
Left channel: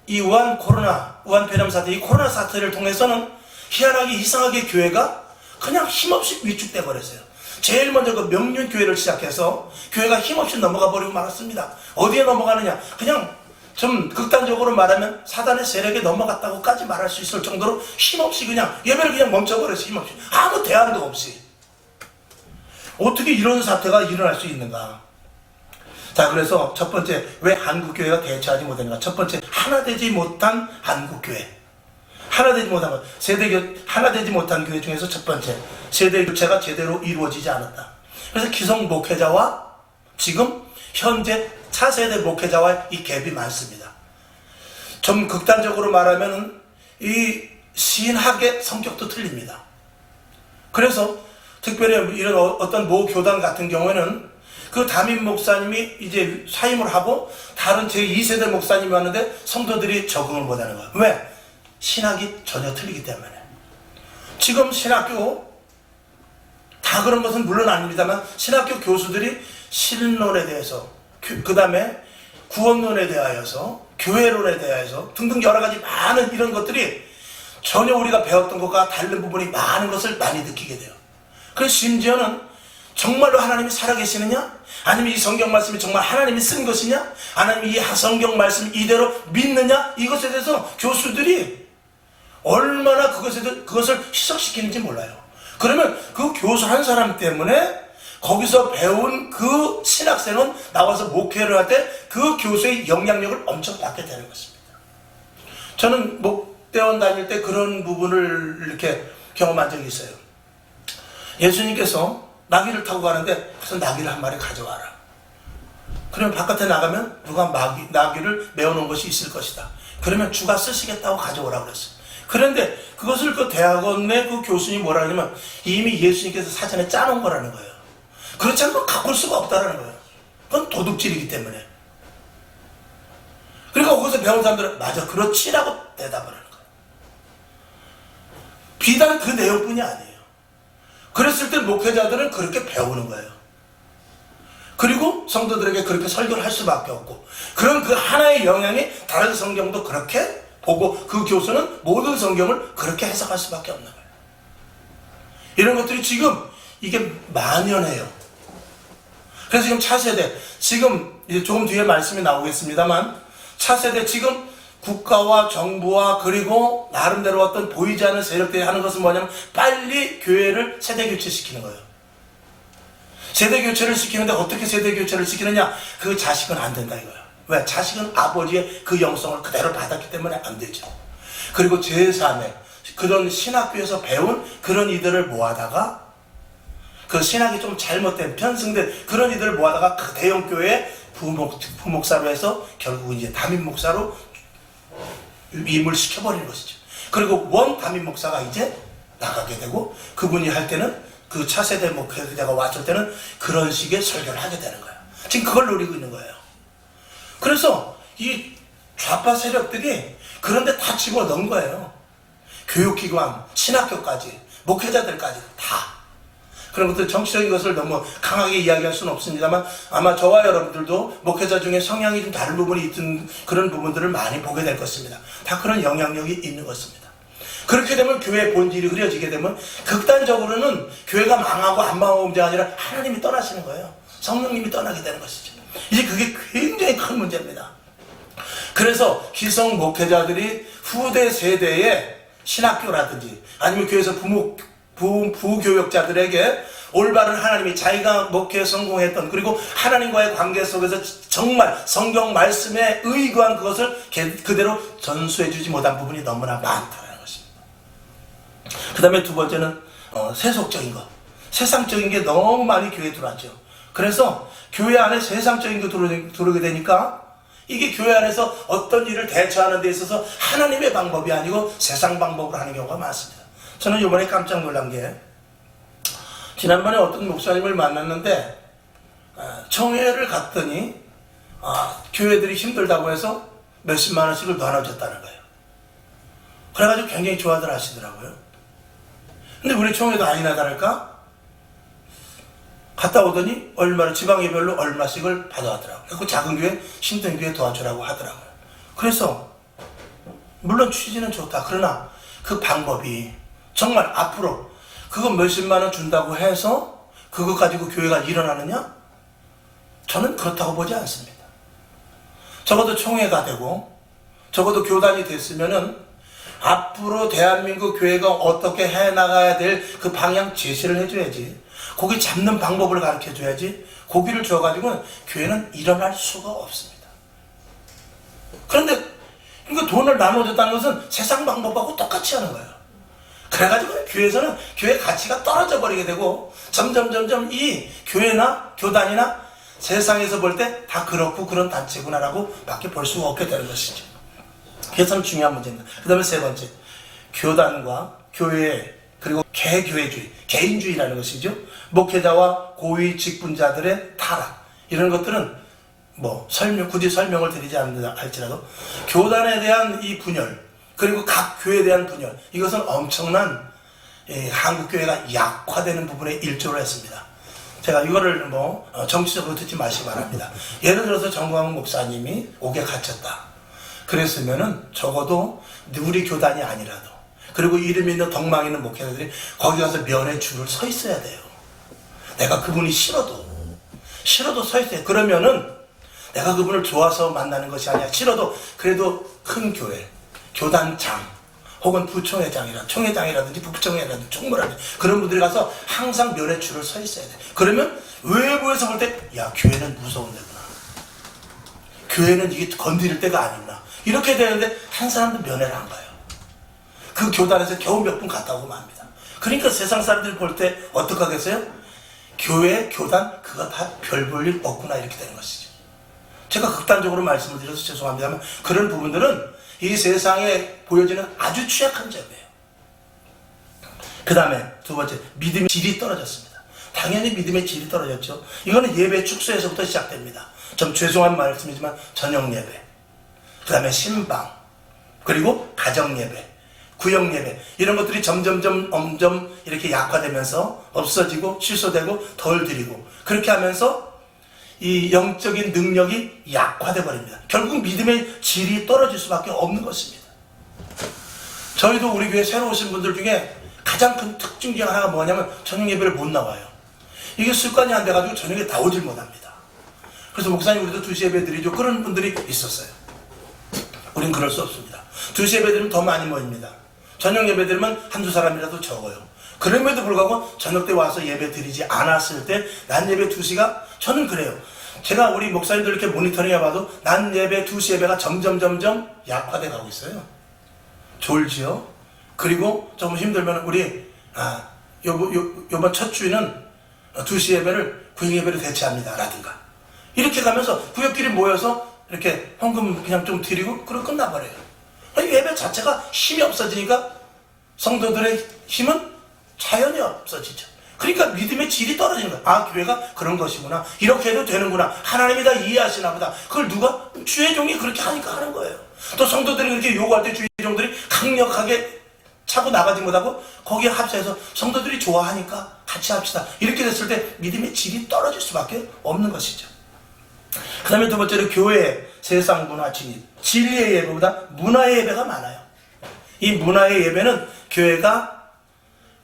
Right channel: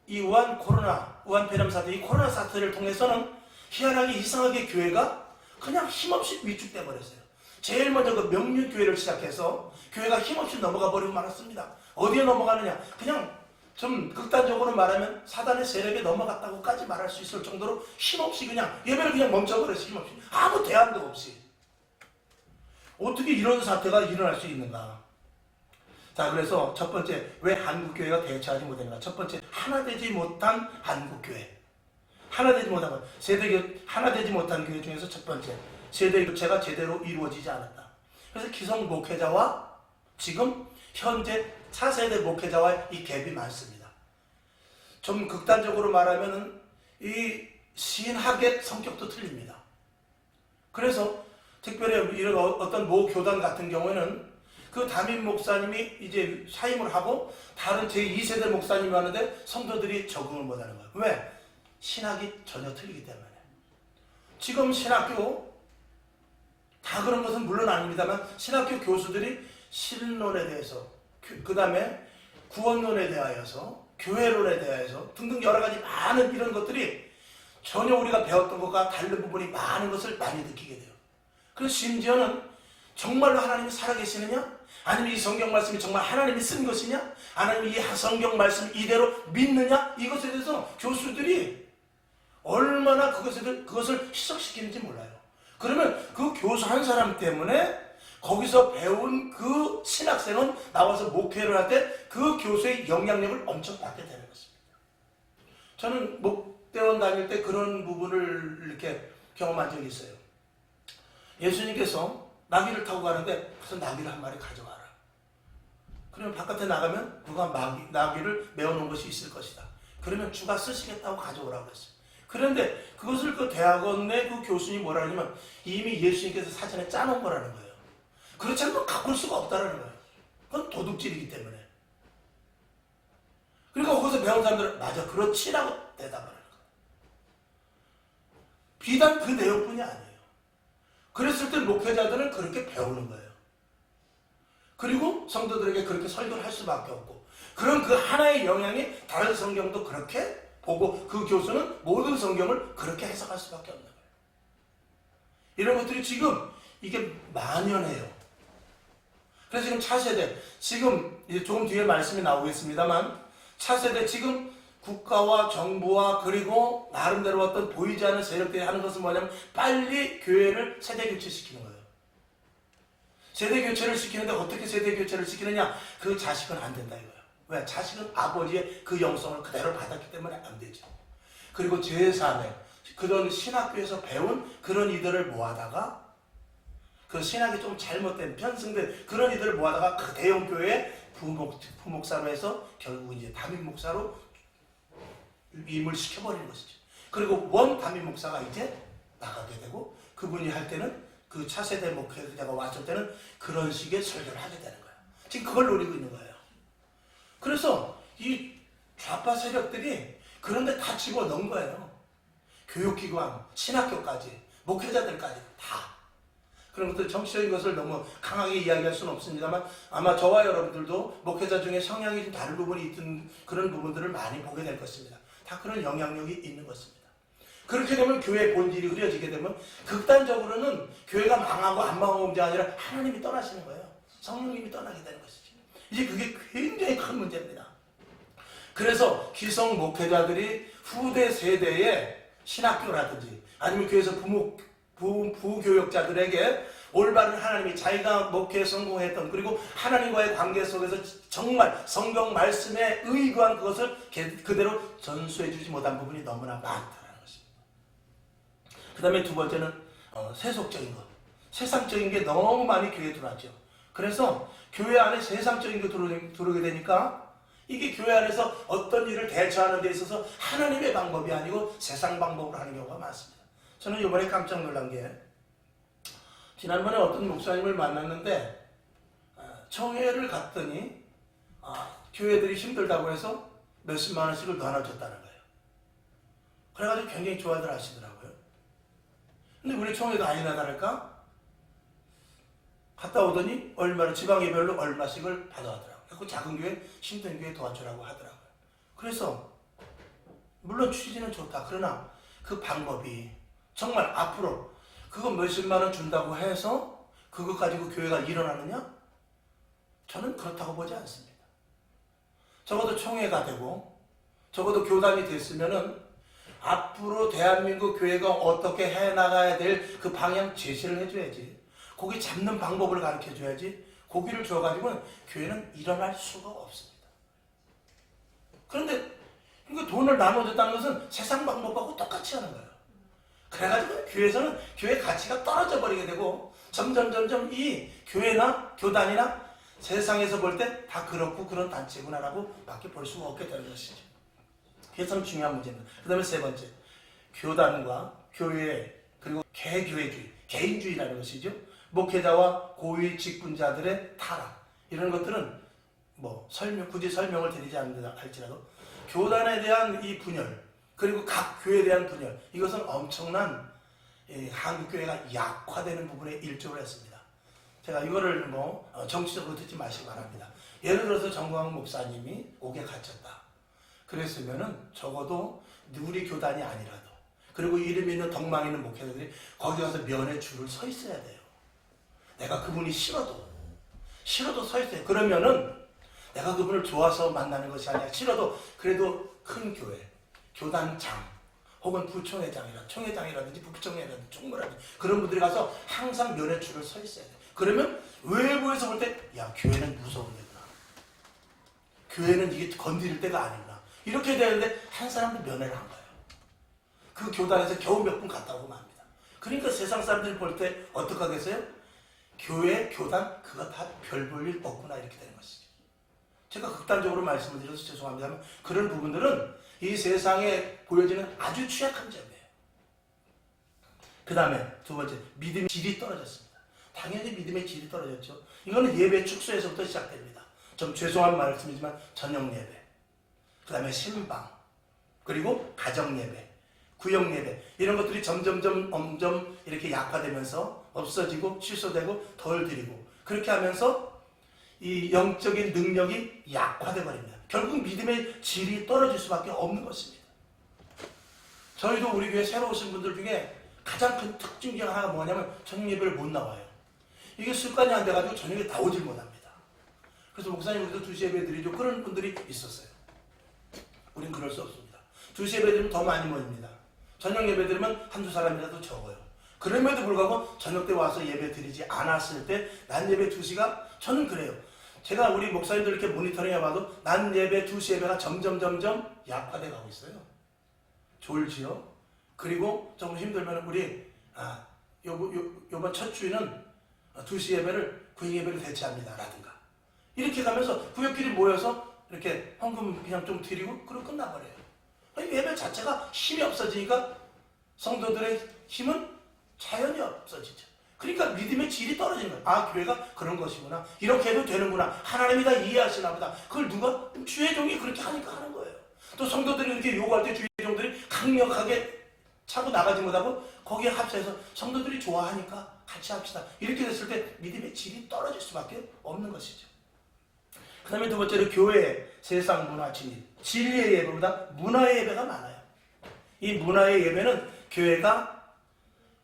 이 우한폐렴 사태, 이 코로나 사태를 통해서는 희한하게 이상하게 교회가 그냥 힘없이 위축돼 버렸어요. 제일 먼저 그 명륜교회를 시작해서 교회가 힘없이 넘어가 버리고 말았습니다. 어디에 넘어가느냐? 그냥 좀 극단적으로 말하면 사단의 세력에 넘어갔다고까지 말할 수 있을 정도로 힘없이 그냥 예배를 그냥 멈춰버렸어요. 힘없이. 아무 대안도 없이. 어떻게 이런 사태가 일어날 수 있는가? 자, 그래서 첫 번째, 왜 한국교회가 대처하지 못했는가? 첫 번째, 하나 되지 못한 한국교회. 하나되지 못한 교회 중에서 첫 번째, 세대 교체가 제대로 이루어지지 않았다. 그래서 기성 목회자와 지금 현재 차세대 목회자와 이 갭이 많습니다. 좀 극단적으로 말하면 이 신학의 성격도 틀립니다. 그래서 특별히 이런 어떤 모 교단 같은 경우에는 그 담임 목사님이 이제 사임을 하고 다른 제2세대 목사님이 왔는데 성도들이 적응을 못하는 거예요. 왜? 신학이 전혀 틀리기 때문에. 지금 신학교 다 그런 것은 물론 아닙니다만 신학교 교수들이 신론에 대해서 그 다음에 구원론에 대하여서 교회론에 대하여서 등등 여러 가지 많은 이런 것들이 전혀 우리가 배웠던 것과 다른 부분이 많은 것을 많이 느끼게 돼요. 그래서 심지어는 정말로 하나님이 살아계시느냐? 아니면 이 성경 말씀이 정말 하나님이 쓴 것이냐? 아니면 이 성경 말씀 이대로 믿느냐? 이것에 대해서 교수들이 얼마나 그것을 희석시키는지 몰라요. 그러면 그 교수 한 사람 때문에 거기서 배운 그 신학생은 나와서 목회를 할 때 그 교수의 영향력을 엄청 받게 되는 것입니다. 저는 목대원 다닐 때 그런 부분을 이렇게 경험한 적이 있어요. 예수님께서 나귀를 타고 가는데 그래서 나귀를 한 마리 가져와라. 그러면 바깥에 나가면 누가 나귀를 메어놓은 것이 있을 것이다. 그러면 주가 쓰시겠다고 가져오라고 그랬어요. 그런데 그것을 그 대학원의 그 교수님이 뭐라 하냐면 이미 예수님께서 사전에 짜놓은 거라는 거예요. 그렇지 않으면 갖고 올 수가 없다라는 거예요. 그건 도둑질이기 때문에. 그러니까 거기서 배운 사람들은 맞아 그렇지라고 대답을 하는 거예요. 비단 그 내용뿐이 아니에요. 그랬을 때 목회자들은 그렇게 배우는 거예요. 그리고 성도들에게 그렇게 설교를 할 수밖에 없고 그런 그 하나의 영향이 다른 성경도 그렇게 보고 그 교수는 모든 성경을 그렇게 해석할 수밖에 없는 거예요. 이런 것들이 지금 이게 만연해요. 그래서 지금 차세대, 지금 이제 조금 뒤에 말씀이 나오겠습니다만 차세대 지금 국가와 정부와 그리고 나름대로 어떤 보이지 않는 세력들이 하는 것은 뭐냐면 빨리 교회를 세대 교체시키는 거예요. 세대 교체를 시키는데 어떻게 세대 교체를 시키느냐? 그 자식은 안 된다 이거예요. 왜? 자식은 아버지의 그 영성을 그대로 받았기 때문에 안 되죠. 그리고 제3의 그런 신학교에서 배운 그런 이들을 모아다가 그 신학이 좀 잘못된 편승된 그런 이들을 모아다가 그 대형교회에 부목사로 해서 결국 이제 담임 목사로 위임을 시켜버리는 것이죠. 그리고 원 담임 목사가 이제 나가게 되고 그분이 할 때는 그 차세대 목회자가 왔을 때는 그런 식의 설교를 하게 되는 거예요. 지금 그걸 노리고 있는 거예요. 그래서 이 좌파 세력들이 그런데 다 집어넣은 거예요. 교육기관, 신학교까지, 목회자들까지 다. 그런 것들 정치적인 것을 너무 강하게 이야기할 수는 없습니다만 아마 저와 여러분들도 목회자 중에 성향이 좀 다른 부분이 있던 그런 부분들을 많이 보게 될 것입니다. 다 그런 영향력이 있는 것입니다. 그렇게 되면 교회의 본질이 흐려지게 되면 극단적으로는 교회가 망하고 안 망하고 문제가 아니라 하나님이 떠나시는 거예요. 성령님이 떠나게 되는 것이죠. 이제 그게 굉장히 큰 문제입니다. 그래서 기성 목회자들이 후대 세대의 신학교라든지 아니면 교회에서 부교역자들에게 올바른 하나님이 자기가 목회에 성공했던 그리고 하나님과의 관계 속에서 정말 성경 말씀에 의거한 그것을 그대로 전수해 주지 못한 부분이 너무나 많다는 것입니다. 그 다음에 두 번째는 세속적인 것, 세상적인 게 너무 많이 교회에 들어왔죠. 그래서 교회 안에 세상적인 게 들어오게 되니까 이게 교회 안에서 어떤 일을 대처하는 데 있어서 하나님의 방법이 아니고 세상 방법으로 하는 경우가 많습니다. 저는 이번에 깜짝 놀란 게 지난번에 어떤 목사님을 만났는데 청회를 갔더니 교회들이 힘들다고 해서 몇십만 원씩을 나눠줬다는 거예요. 그래가지고 굉장히 좋아들 하시더라고요. 근데 우리 청회도 아니나 다를까 갔다 오더니 얼마를 지방예별로 얼마씩을 받아왔더라고요. 그 작은 교회 힘든 교회 도와주라고 하더라고요. 그래서 물론 취지는 좋다. 그러나 그 방법이 정말 앞으로 그거 몇십만 원 준다고 해서 그거 가지고 교회가 일어나느냐? 저는 그렇다고 보지 않습니다. 적어도 총회가 되고 적어도 교단이 됐으면은 앞으로 대한민국 교회가 어떻게 해나가야 될 그 방향 제시를 해줘야지. 거기 잡는 방법을 가르쳐줘야지. 고기를 줘가지고는 교회는 일어날 수가 없습니다. 그런데 그러니까 돈을 나눠줬다는 것은 세상 방법하고 똑같이 하는 거예요. 그래가지고 교회에서는 교회 가치가 떨어져 버리게 되고 점점 이 교회나 교단이나 세상에서 볼 때 다 그렇고 그런 단체구나라고 밖에 볼 수가 없게 되는 것이죠. 그래서 중요한 문제입니다. 그 다음에 세 번째, 교단과 교회 그리고 개교회주의, 개인주의라는 것이죠. 목회자와 고위 직분자들의 타락 이런 것들은 뭐 굳이 설명을 드리지 않는다 할지라도 교단에 대한 이 분열 그리고 각 교회에 대한 분열 이것은 엄청난 한국교회가 약화되는 부분에 일조를 했습니다. 제가 이거를 정치적으로 듣지 마시기 바랍니다. 예를 들어서 정광훈 목사님이 옥에 갇혔다. 그랬으면은 적어도 우리 교단이 아니라도 그리고 이름 있는 덕망 있는 목회자들이 거기 가서 면회 줄을 서 있어야 돼요. 내가 그분이 싫어도 서 있어요. 그러면은 내가 그분을 좋아서 만나는 것이 아니라 싫어도 그래도 큰 교회, 교단장 혹은 총회장이라든지 부총회라든지 총무라든지 그런 분들이 가서 항상 면회 줄을 서 있어야 돼. 그러면 외부에서 볼 때 야 교회는 무서운 데구나. 교회는 이게 건드릴 때가 아니구나. 이렇게 되는데 한 사람도 면회를 안 가요. 그 교단에서 겨우 몇 분 갔다 오고 맙니다. 그러니까 세상 사람들이 볼 때 어떡하겠어요? 교회, 교단 그거 다 별 볼 일 없구나 이렇게 되는 것이죠. 제가 극단적으로 말씀을 드려서 죄송합니다만 그런 부분들은 이 세상에 보여지는 아주 취약한 점이에요. 그 다음에 두 번째, 믿음의 질이 떨어졌습니다. 당연히 믿음의 질이 떨어졌죠. 이거는 예배 축소에서부터 시작됩니다. 좀 죄송한 말씀이지만 저녁 예배, 그 다음에 신방, 그리고 가정 예배, 구역 예배 이런 것들이 점점 이렇게 약화되면서 없어지고 취소되고 덜 드리고 그렇게 하면서 이 영적인 능력이 약화돼 버립니다. 결국 믿음의 질이 떨어질 수밖에 없는 것입니다. 저희도 우리 교회 새로 오신 분들 중에 가장 큰 특징 중 하나가 뭐냐면 저녁 예배를 못 나와요. 이게 습관이 안 돼가지고 저녁에 나오질 못합니다. 그래서 목사님 우리도 2시 예배 드리죠. 그런 분들이 있었어요. 우린 그럴 수 없습니다. 2시 예배 드리면 더 많이 모입니다. 저녁 예배 드리면 한두 사람이라도 적어요. 그럼에도 불구하고 저녁 때 와서 예배 드리지 않았을 때 난 예배 2시가 저는 그래요. 제가 우리 목사님들 이렇게 모니터링 해봐도 난 예배 2시 예배가 점점 약화돼 가고 있어요. 졸지요. 그리고 조금 힘들면 우리 요번 첫 주에는 2시 예배를 구역 예배로 대체합니다 라든가 이렇게 가면서 구역끼리 모여서 이렇게 헌금 그냥 좀 드리고 그러고 끝나버려요. 예배 자체가 힘이 없어지니까 성도들의 힘은 자연히 없어지죠. 그러니까 믿음의 질이 떨어지는 거야. 아 교회가 그런 것이구나. 이렇게 해도 되는구나. 하나님이 다 이해하시나 보다. 그걸 누가? 주의 종이 그렇게 하니까 하는 거예요. 또 성도들이 그렇게 요구할 때 주의 종들이 강력하게 차고 나가지 못하고 거기에 합쳐서 성도들이 좋아하니까 같이 합시다. 이렇게 됐을 때 믿음의 질이 떨어질 수밖에 없는 것이죠. 그 다음에 두 번째로 교회 세상 문화 진입. 진리의 예배보다 문화의 예배가 많아요. 이 문화의 예배는 교회가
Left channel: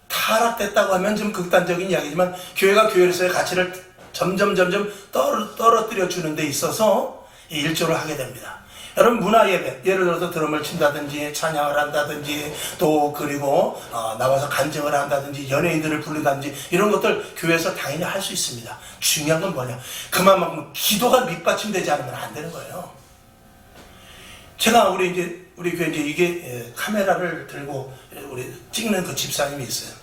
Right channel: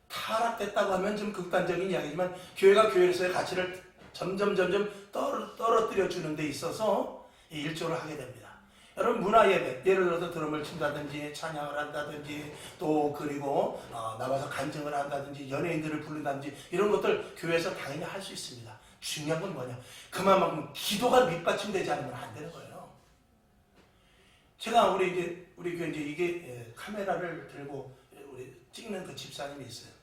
타락됐다고 하면 좀 극단적인 이야기지만 교회가 교회로서의 가치를 점점 떨어뜨려 주는 데 있어서 일조를 하게 됩니다. 여러분 문화 예배, 예를 들어서 드럼을 친다든지 찬양을 한다든지 또 그리고 나와서 간증을 한다든지 연예인들을 부른다든지 이런 것들 교회에서 당연히 할 수 있습니다. 중요한 건 뭐냐? 그만큼 기도가 밑받침되지 않으면 안 되는 거예요. 제가 우리 교회 이게 카메라를 들고 우리 찍는 그 집사님이 있어요.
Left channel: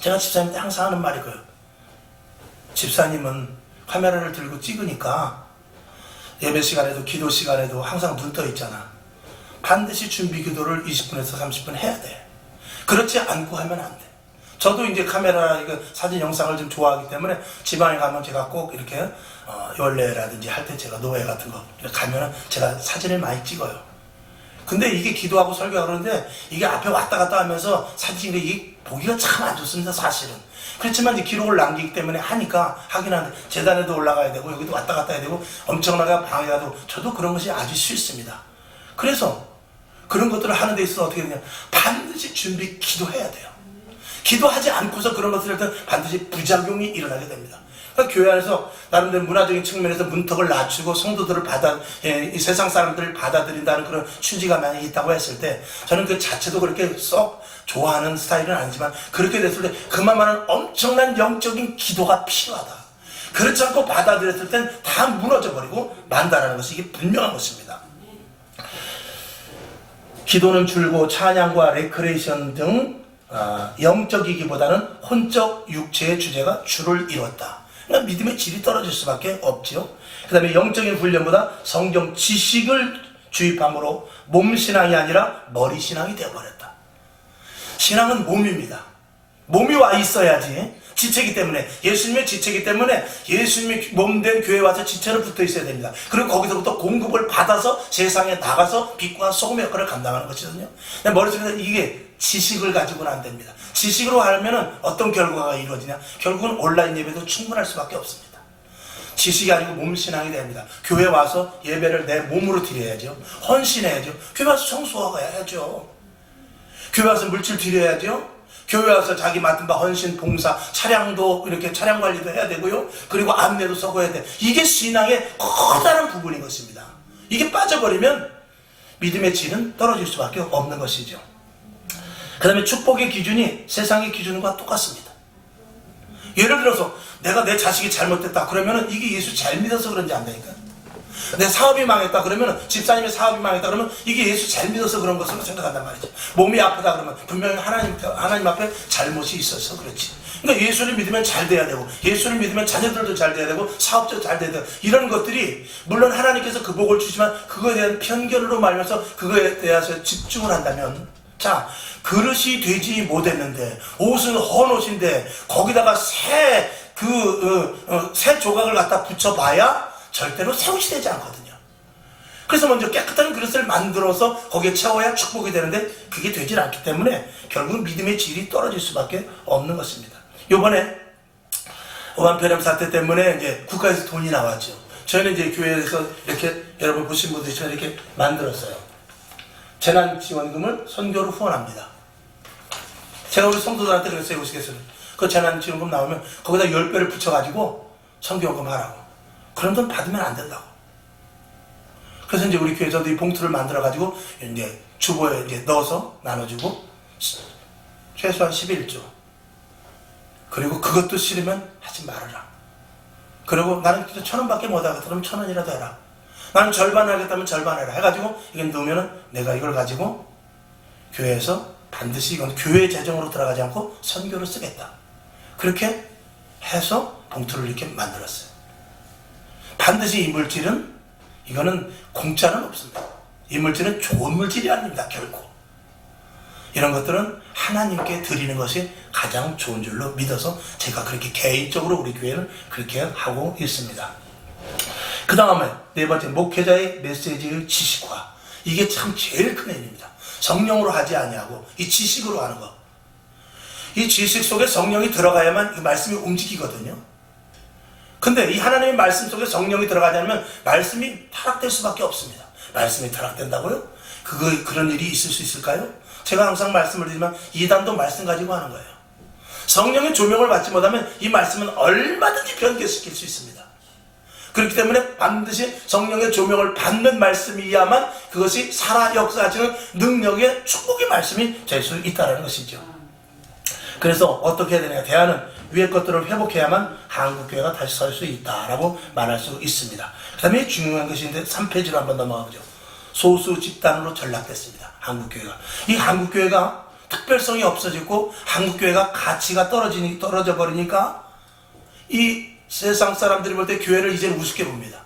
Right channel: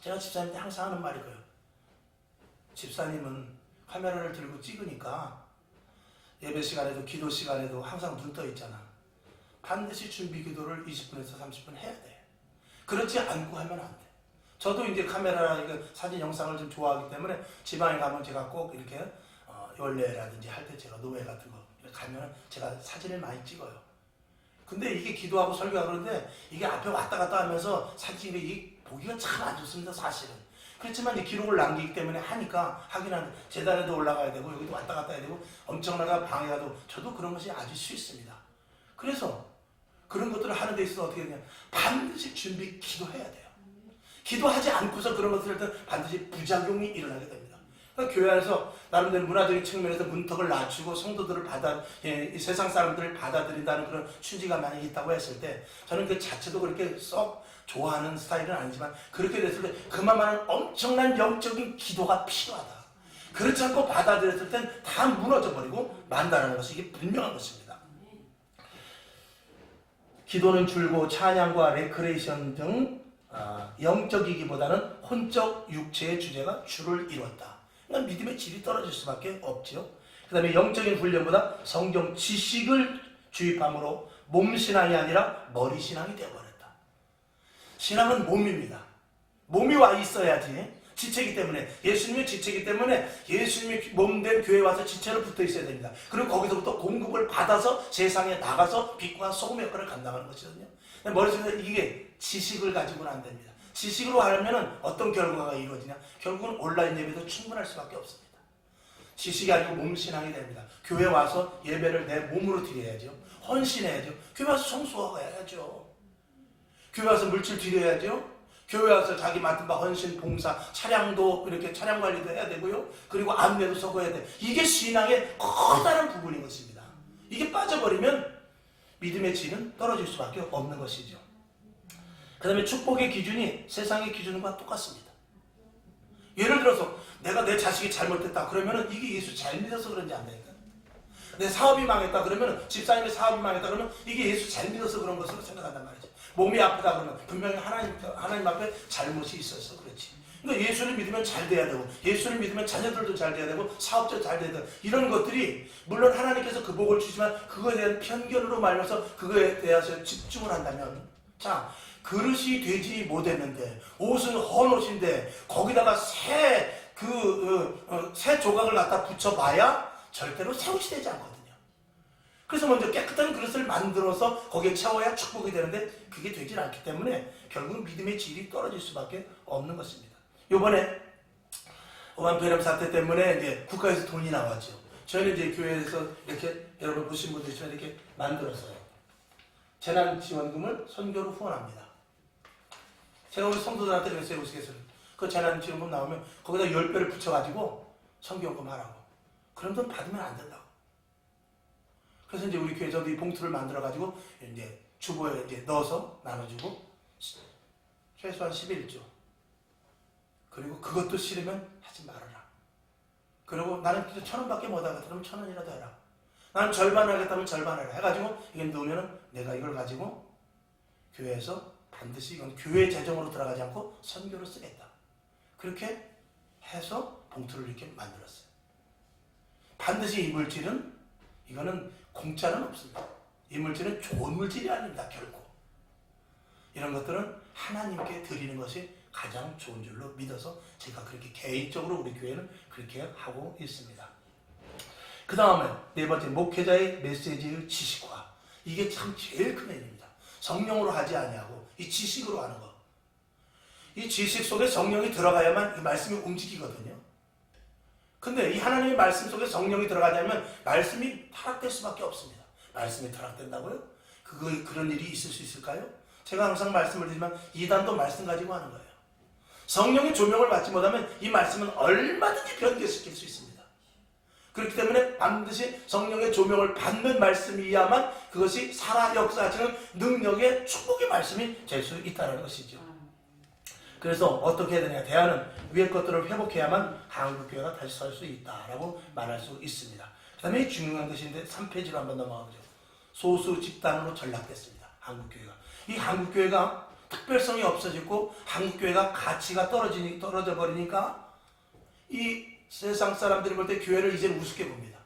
제가 집사님한테 항상 하는 말이 그거예요. 집사님은 카메라를 들고 찍으니까 예배 시간에도 기도 시간에도 항상 눈 떠 있잖아. 반드시 준비 기도를 20분에서 30분 해야 돼. 그렇지 않고 하면 안 돼. 저도 이제 카메라 사진 영상을 좀 좋아하기 때문에 지방에 가면 제가 꼭 이렇게 연례라든지 할 때 제가 노예 같은 거 가면은 제가 사진을 많이 찍어요. 근데 이게 기도하고 설교하고 그러는데 이게 앞에 왔다 갔다 하면서 사진 찍는 게 보기가 참 안 좋습니다 사실은. 그렇지만 이제 기록을 남기기 때문에 하긴 하는데 재단에도 올라가야 되고 여기도 왔다 갔다 해야 되고 엄청나게 방해가 되고 저도 그런 것이 아주 싫습니다. 그래서 그런 것들을 하는 데 있어서 어떻게 되냐, 반드시 준비 기도해야 돼요. 기도하지 않고서 그런 것들을 할 때 반드시 부작용이 일어나게 됩니다. 그러니까 교회 안에서 나름대로 문화적인 측면에서 문턱을 낮추고 성도들을 이 세상 사람들을 받아들인다는 그런 취지가 만약에 있다고 했을 때 저는 그 자체도 그렇게 썩 좋아하는 스타일은 아니지만 그렇게 됐을 때 그만한 엄청난 영적인 기도가 필요하다. 그렇지 않고 받아들였을 땐 다 무너져버리고 만다라는 것이 이게 분명한 것입니다. 기도는 줄고 찬양과 레크레이션 등 영적이기보다는 혼적 육체의 주제가 주를 이뤘다. 그러니까 믿음의 질이 떨어질 수밖에 없죠. 그 다음에 영적인 훈련보다 성경 지식을 주입함으로 몸신앙이 아니라 머리신앙이 되어버렸다. 신앙은 몸입니다. 몸이 와 있어야지. 지체이기 때문에, 예수님의 지체이기 때문에 예수님의 몸된 교회에 와서 지체로 붙어 있어야 됩니다. 그리고 거기서부터 공급을 받아서 세상에 나가서 빛과 소금의 역할을 감당하는 것이거든요. 머릿속에서 이게 지식을 가지고는 안 됩니다. 지식으로 하면 어떤 결과가 이루어지냐? 결국은 온라인 예배도 충분할 수밖에 없습니다. 지식이 아니고 몸신앙이 됩니다. 교회 와서 예배를 내 몸으로 드려야죠. 헌신해야죠. 교회 와서 청소하고 해야죠. 교회 와서 물질 드려야죠. 교회 와서 자기 맡은 바 헌신, 봉사, 차량도 이렇게 차량 관리도 해야 되고요. 그리고 안내도 서고 해야 돼. 이게 신앙의 커다란 부분인 것입니다. 이게 빠져버리면 믿음의 질은 떨어질 수밖에 없는 것이죠. 그 다음에 축복의 기준이 세상의 기준과 똑같습니다. 예를 들어서 내가 내 자식이 잘못됐다 그러면 이게 예수 잘 믿어서 그런지 안다니까. 내 사업이 망했다 그러면, 집사님의 사업이 망했다 그러면 이게 예수 잘 믿어서 그런 것으로 생각한단 말이죠. 몸이 아프다 그러면 분명히 하나님 앞에 잘못이 있어서 그렇지. 그러니까 예수를 믿으면 잘 돼야 되고, 예수를 믿으면 자녀들도 잘 돼야 되고, 사업도 잘 돼야 되고, 이런 것들이 물론 하나님께서 그 복을 주지만 그거에 대한 편견으로 말면서 그거에 대해서 집중을 한다면, 자, 그릇이 되지 못했는데 옷은 헌 옷인데 거기다가 새 조각을 갖다 붙여봐야 절대로 새 옷이 되지 않거든요. 그래서 먼저 깨끗한 그릇을 만들어서 거기에 채워야 축복이 되는데 그게 되질 않기 때문에 결국 믿음의 질이 떨어질 수밖에 없는 것입니다. 요번에 오한폐렴 사태 때문에 이제 국가에서 돈이 나왔죠. 저희는 이제 교회에서 이렇게 여러분 보신 분들처럼 이렇게 만들었어요. 재난지원금을 선교로 후원합니다. 제가 우리 성도들한테 그랬어요. 우스갯소리. 그 재난지원금 나오면 거기다 10배를 붙여가지고 선교금 하라고. 그런 돈 받으면 안 된다고. 그래서 이제 우리 교회에서도 이 봉투를 만들어가지고 이제 주보에 이제 넣어서 나눠주고 최소한 11조. 그리고 그것도 싫으면 하지 말아라. 그리고 나는 1,000원밖에 못하겠다. 그럼 1,000원이라도 해라. 나는 절반 하겠다면 절반 해라. 해가지고 이건 넣으면은 내가 이걸 가지고 교회에서 반드시 이건 교회 재정으로 들어가지 않고 선교로 쓰겠다. 그렇게 해서 봉투를 이렇게 만들었어요. 반드시 이 물질은 이거는 공짜는 없습니다. 이 물질은 좋은 물질이 아닙니다. 결코. 이런 것들은 하나님께 드리는 것이 가장 좋은 줄로 믿어서 제가 그렇게 개인적으로 우리 교회는 그렇게 하고 있습니다. 그 다음에 네 번째, 목회자의 메시지의 지식화. 이게 참 제일 큰 의미입니다. 성령으로 하지 아니하고 이 지식으로 하는 거. 이 지식 속에 성령이 들어가야만 이 말씀이 움직이거든요. 근데 이 하나님의 말씀 속에 성령이 들어가지 않으면 말씀이 타락될 수밖에 없습니다. 말씀이 타락된다고요? 그런 일이 있을 수 있을까요? 제가 항상 말씀을 드리지만 이단도 말씀 가지고 하는 거예요. 성령의 조명을 받지 못하면 이 말씀은 얼마든지 변개시킬 수 있습니다. 그렇기 때문에 반드시 성령의 조명을 받는 말씀이야만 그것이 살아 역사하시는 능력의 축복의 말씀이 될 수 있다는 것이죠. 그래서 어떻게 해야 되냐? 대안은 위의 것들을 회복해야만 한국교회가 다시 설 수 있다라고 말할 수 있습니다. 그 다음에 중요한 것인데 3페이지로 한번 넘어가보죠. 소수 집단으로 전락됐습니다. 한국교회가. 이 한국교회가 특별성이 없어지고 한국교회가 가치가 떨어져 버리니까 이 세상 사람들이 볼 때 교회를 이제는 우습게 봅니다.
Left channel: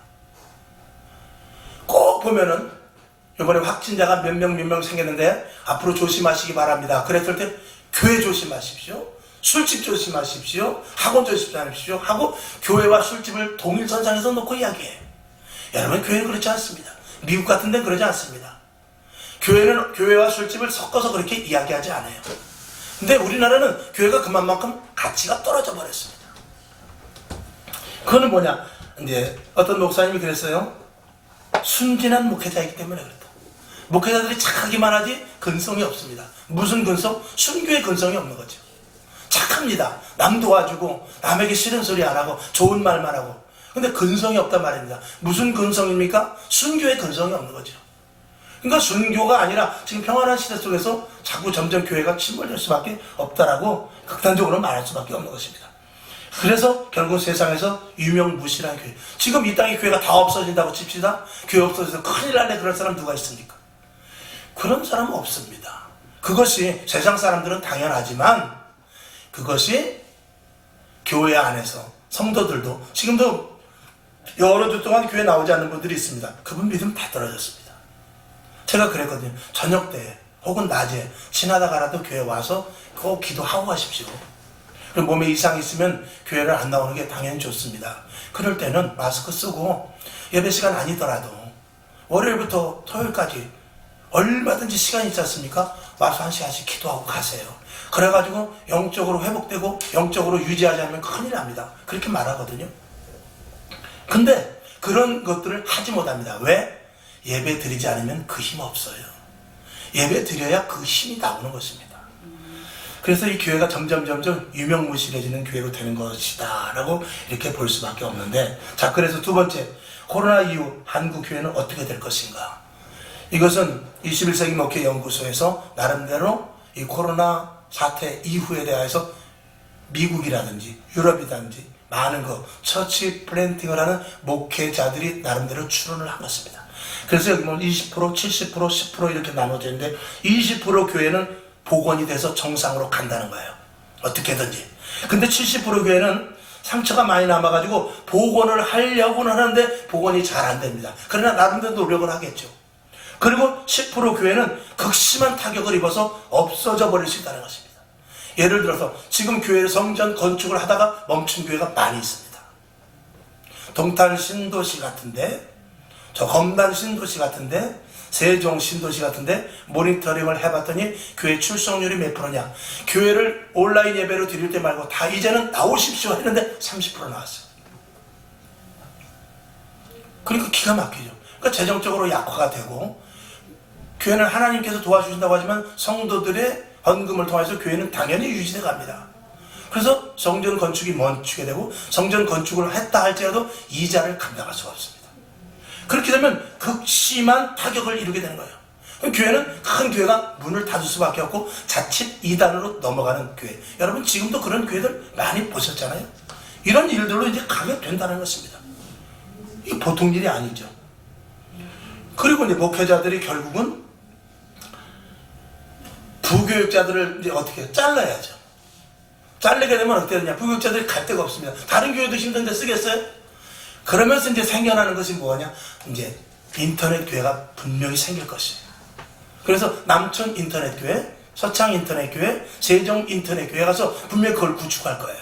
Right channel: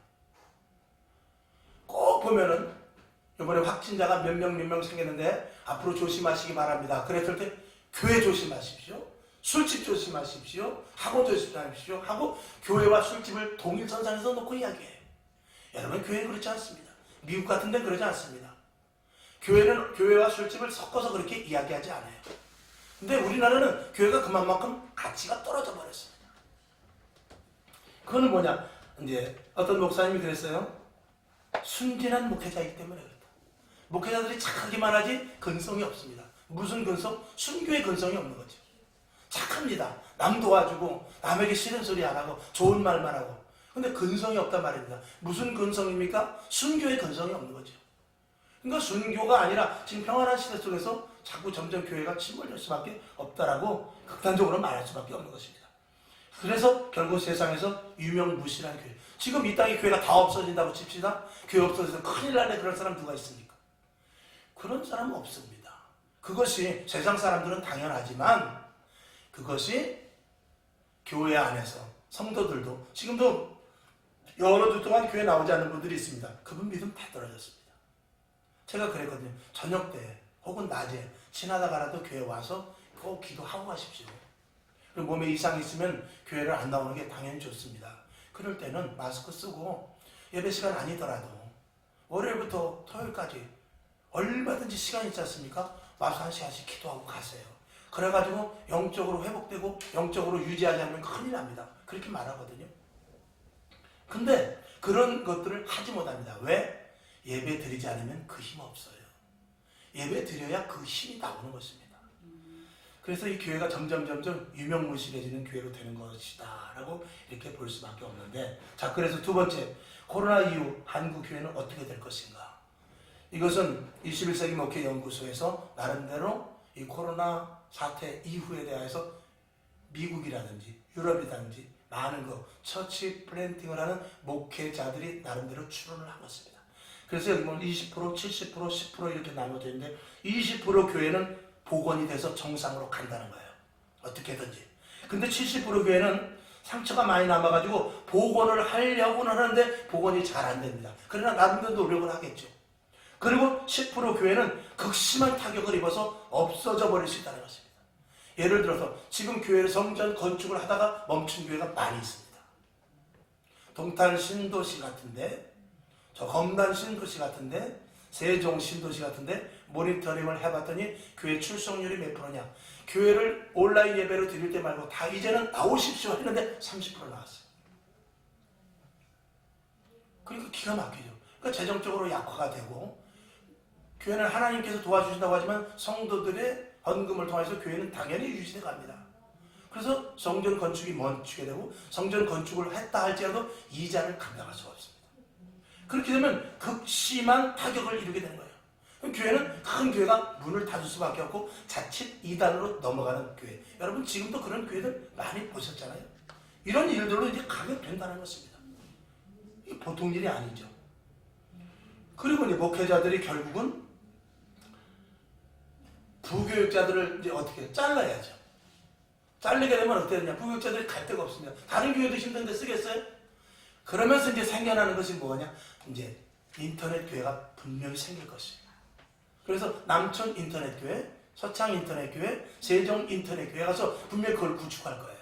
꼭 보면은 이번에 확진자가 몇 명 생겼는데 앞으로 조심하시기 바랍니다. 그랬을 때 교회 조심하십시오. 술집 조심하십시오. 학원 조심하십시오. 하고 교회와 술집을 동일선상에서 놓고 이야기해요. 여러분, 교회는 그렇지 않습니다. 미국 같은 데는 그러지 않습니다. 교회는 교회와 술집을 섞어서 그렇게 이야기하지 않아요. 근데 우리나라는 교회가 그만큼 가치가 떨어져 버렸습니다. 그거는 뭐냐? 이제 어떤 목사님이 그랬어요. 순진한 목회자이기 때문에 그렇다. 목회자들이 착하기만 하지 근성이 없습니다. 무슨 근성? 순교의 근성이 없는 거죠. 착합니다. 남 도와주고 남에게 싫은 소리 안 하고 좋은 말만 하고. 근데 근성이 없단 말입니다. 무슨 근성입니까? 순교의 근성이 없는 거죠. 그러니까 순교가 아니라 지금 평안한 시대 속에서 자꾸 점점 교회가 침몰될 수밖에 없다라고 극단적으로 말할 수밖에 없는 것입니다. 그래서 결국 세상에서 유명무실한 교회. 지금 이 땅에 교회가 다 없어진다고 칩시다. 교회 없어져서 큰일 날래 그럴 사람 누가 있습니까? 그런 사람은 없습니다. 그것이 세상 사람들은 당연하지만 그것이 교회 안에서 성도들도 지금도 여러 주 동안 교회 나오지 않는 분들이 있습니다. 그분 믿음 다 떨어졌습니다. 제가 그랬거든요. 저녁 때 혹은 낮에 지나다가라도 교회 와서 꼭 기도하고 가십시오. 그리고 몸에 이상이 있으면 교회를 안 나오는 게 당연히 좋습니다. 그럴 때는 마스크 쓰고 예배 시간 아니더라도 월요일부터 토요일까지 얼마든지 시간이 있지 않습니까? 와서 한 시간씩 기도하고 가세요. 그래가지고 영적으로 회복되고 영적으로 유지하지 않으면 큰일 납니다. 그렇게 말하거든요. 근데 그런 것들을 하지 못합니다. 왜? 예배 드리지 않으면 그 힘 없어요. 예배 드려야 그 힘이 나오는 것입니다. 그래서 이 교회가 점점 유명무실해지는 교회로 되는 것이다 라고 이렇게 볼 수밖에 없는데, 자, 그래서 두 번째, 코로나 이후 한국 교회는 어떻게 될 것인가. 이것은 21세기 목회 연구소에서 나름대로 이 코로나 사태 이후에 대해서 미국이라든지 유럽이라든지 많은 처치 플랜팅을 하는 목회자들이 나름대로 추론을 한 것입니다. 그래서 여기 보면 20%, 70%, 10% 이렇게 나눠져 있는데 20% 교회는 복원이 돼서 정상으로 간다는 거예요. 어떻게든지. 근데 70% 교회는 상처가 많이 남아가지고 복원을 하려고는 하는데 복원이 잘 안 됩니다. 그러나 나름대로 노력을 하겠죠. 그리고 10% 교회는 극심한 타격을 입어서 없어져 버릴 수 있다는 것입니다. 예를 들어서 지금 교회 성전 건축을 하다가 멈춘 교회가 많이 있습니다. 동탄 신도시 같은데, 저 검단 신도시 같은데, 세종 신도시 같은데 모니터링을 해봤더니 교회 출석률이 몇 프로냐. 교회를 온라인 예배로 드릴 때 말고 다 이제는 나오십시오 했는데 30% 나왔어요. 그러니까 기가 막히죠. 그러니까 재정적으로 약화가 되고, 교회는 하나님께서 도와주신다고 하지만 성도들의 헌금을 통해서 교회는 당연히 유지돼 갑니다. 그래서 성전 건축이 멈추게 되고, 성전 건축을 했다 할지라도 이자를 감당할 수가 없습니다. 그렇게 되면 극심한 타격을 이루게 되는 거예요. 교회는, 큰 교회가 문을 닫을 수밖에 없고 자칫 이단으로 넘어가는 교회. 여러분 지금도 그런 교회들 많이 보셨잖아요. 이런 일들로 이제 가게 된다는 것입니다. 이게 보통 일이 아니죠. 그리고 이제 목회자들이 결국은 부교육자들을 이제 어떻게 잘라야죠. 잘리게 되면 어떻게 되냐. 부교육자들이 갈 데가 없습니다. 다른 교회도 힘든데 쓰겠어요? 그러면서 이제 생겨나는 것이 뭐냐? 이제 인터넷 교회가 분명히 생길 것이에요. 그래서 남천 인터넷 교회, 서창 인터넷 교회, 세종 인터넷 교회 가서 분명히 그걸 구축할 거예요.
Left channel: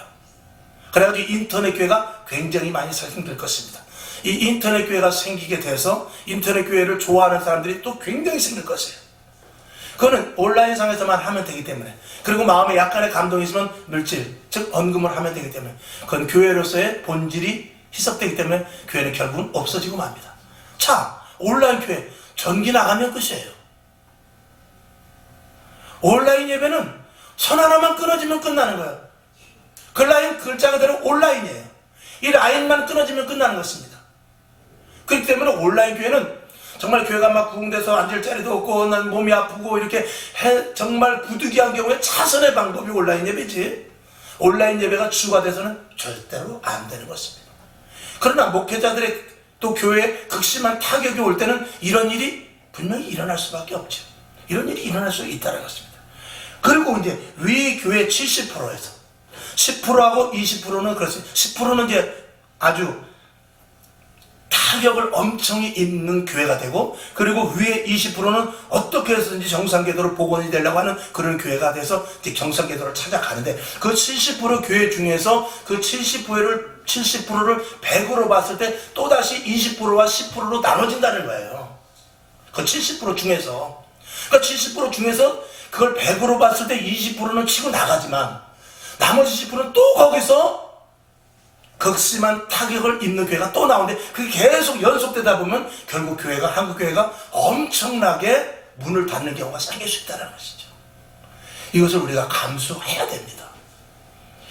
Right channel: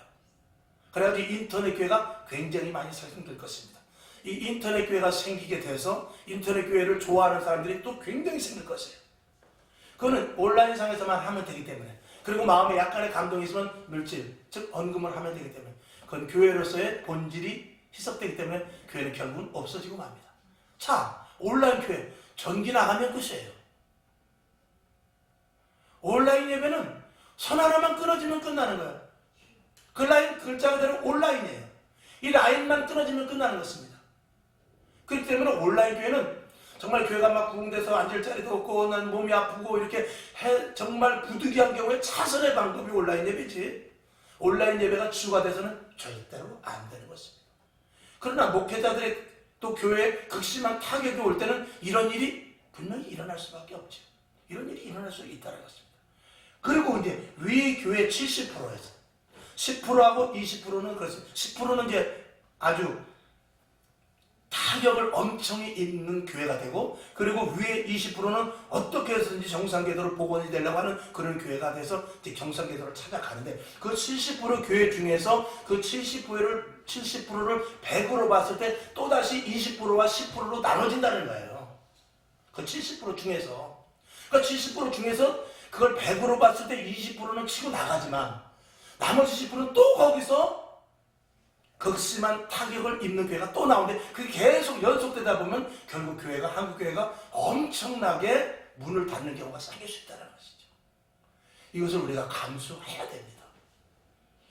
그래가지고 인터넷 교회가 굉장히 많이 생길 것입니다. 이 인터넷 교회가 생기게 돼서 인터넷 교회를 좋아하는 사람들이 또 굉장히 생길 것이에요. 그거는 온라인상에서만 하면 되기 때문에, 그리고 마음에 약간의 감동이 있으면 물질, 즉 헌금을 하면 되기 때문에, 그건 교회로서의 본질이 희석되기 때문에 교회는 결국은 없어지고 맙니다. 자, 온라인 교회 전기 나가면 끝이에요. 온라인 예배는 선 하나만 끊어지면 끝나는 거예요. 그 라인 글자 그대로 온라인이에요. 이 라인만 끊어지면 끝나는 것입니다. 그렇기 때문에 온라인 교회는 정말 교회가 막 구흥돼서 앉을 자리도 없고 난 몸이 아프고 이렇게 정말 부득이한 경우에 차선의 방법이 온라인 예배지, 온라인 예배가 주가 돼서는 절대로 안 되는 것입니다. 그러나 목회자들의 또 교회에 극심한 타격이 올 때는 이런 일이 분명히 일어날 수밖에 없죠. 이런 일이 일어날 수 있다는 것입니다. 그리고 이제 위 교회 70%에서 10%하고 20%는 그렇습니다. 10%는 이제 아주 타격을 엄청 입는 교회가 되고, 그리고 위에 20%는 어떻게 해서든지 정상궤도로 복원이 되려고 하는 그런 교회가 돼서 이제 정상궤도를 찾아가는데, 그 70% 교회 중에서 그 70%를 100으로 봤을 때 또다시 20%와 10%로 나눠진다는 거예요. 그 70% 중에서. 그러니까 70% 중에서 그걸 100으로 봤을 때 20%는 치고 나가지만 나머지 10%는 또 거기서 극심한 타격을 입는 교회가 또 나오는데, 그게 계속 연속되다 보면 결국 교회가, 한국 교회가 엄청나게 문을 닫는 경우가 생길 수 있다는 것이죠. 이것을 우리가 감수해야 됩니다.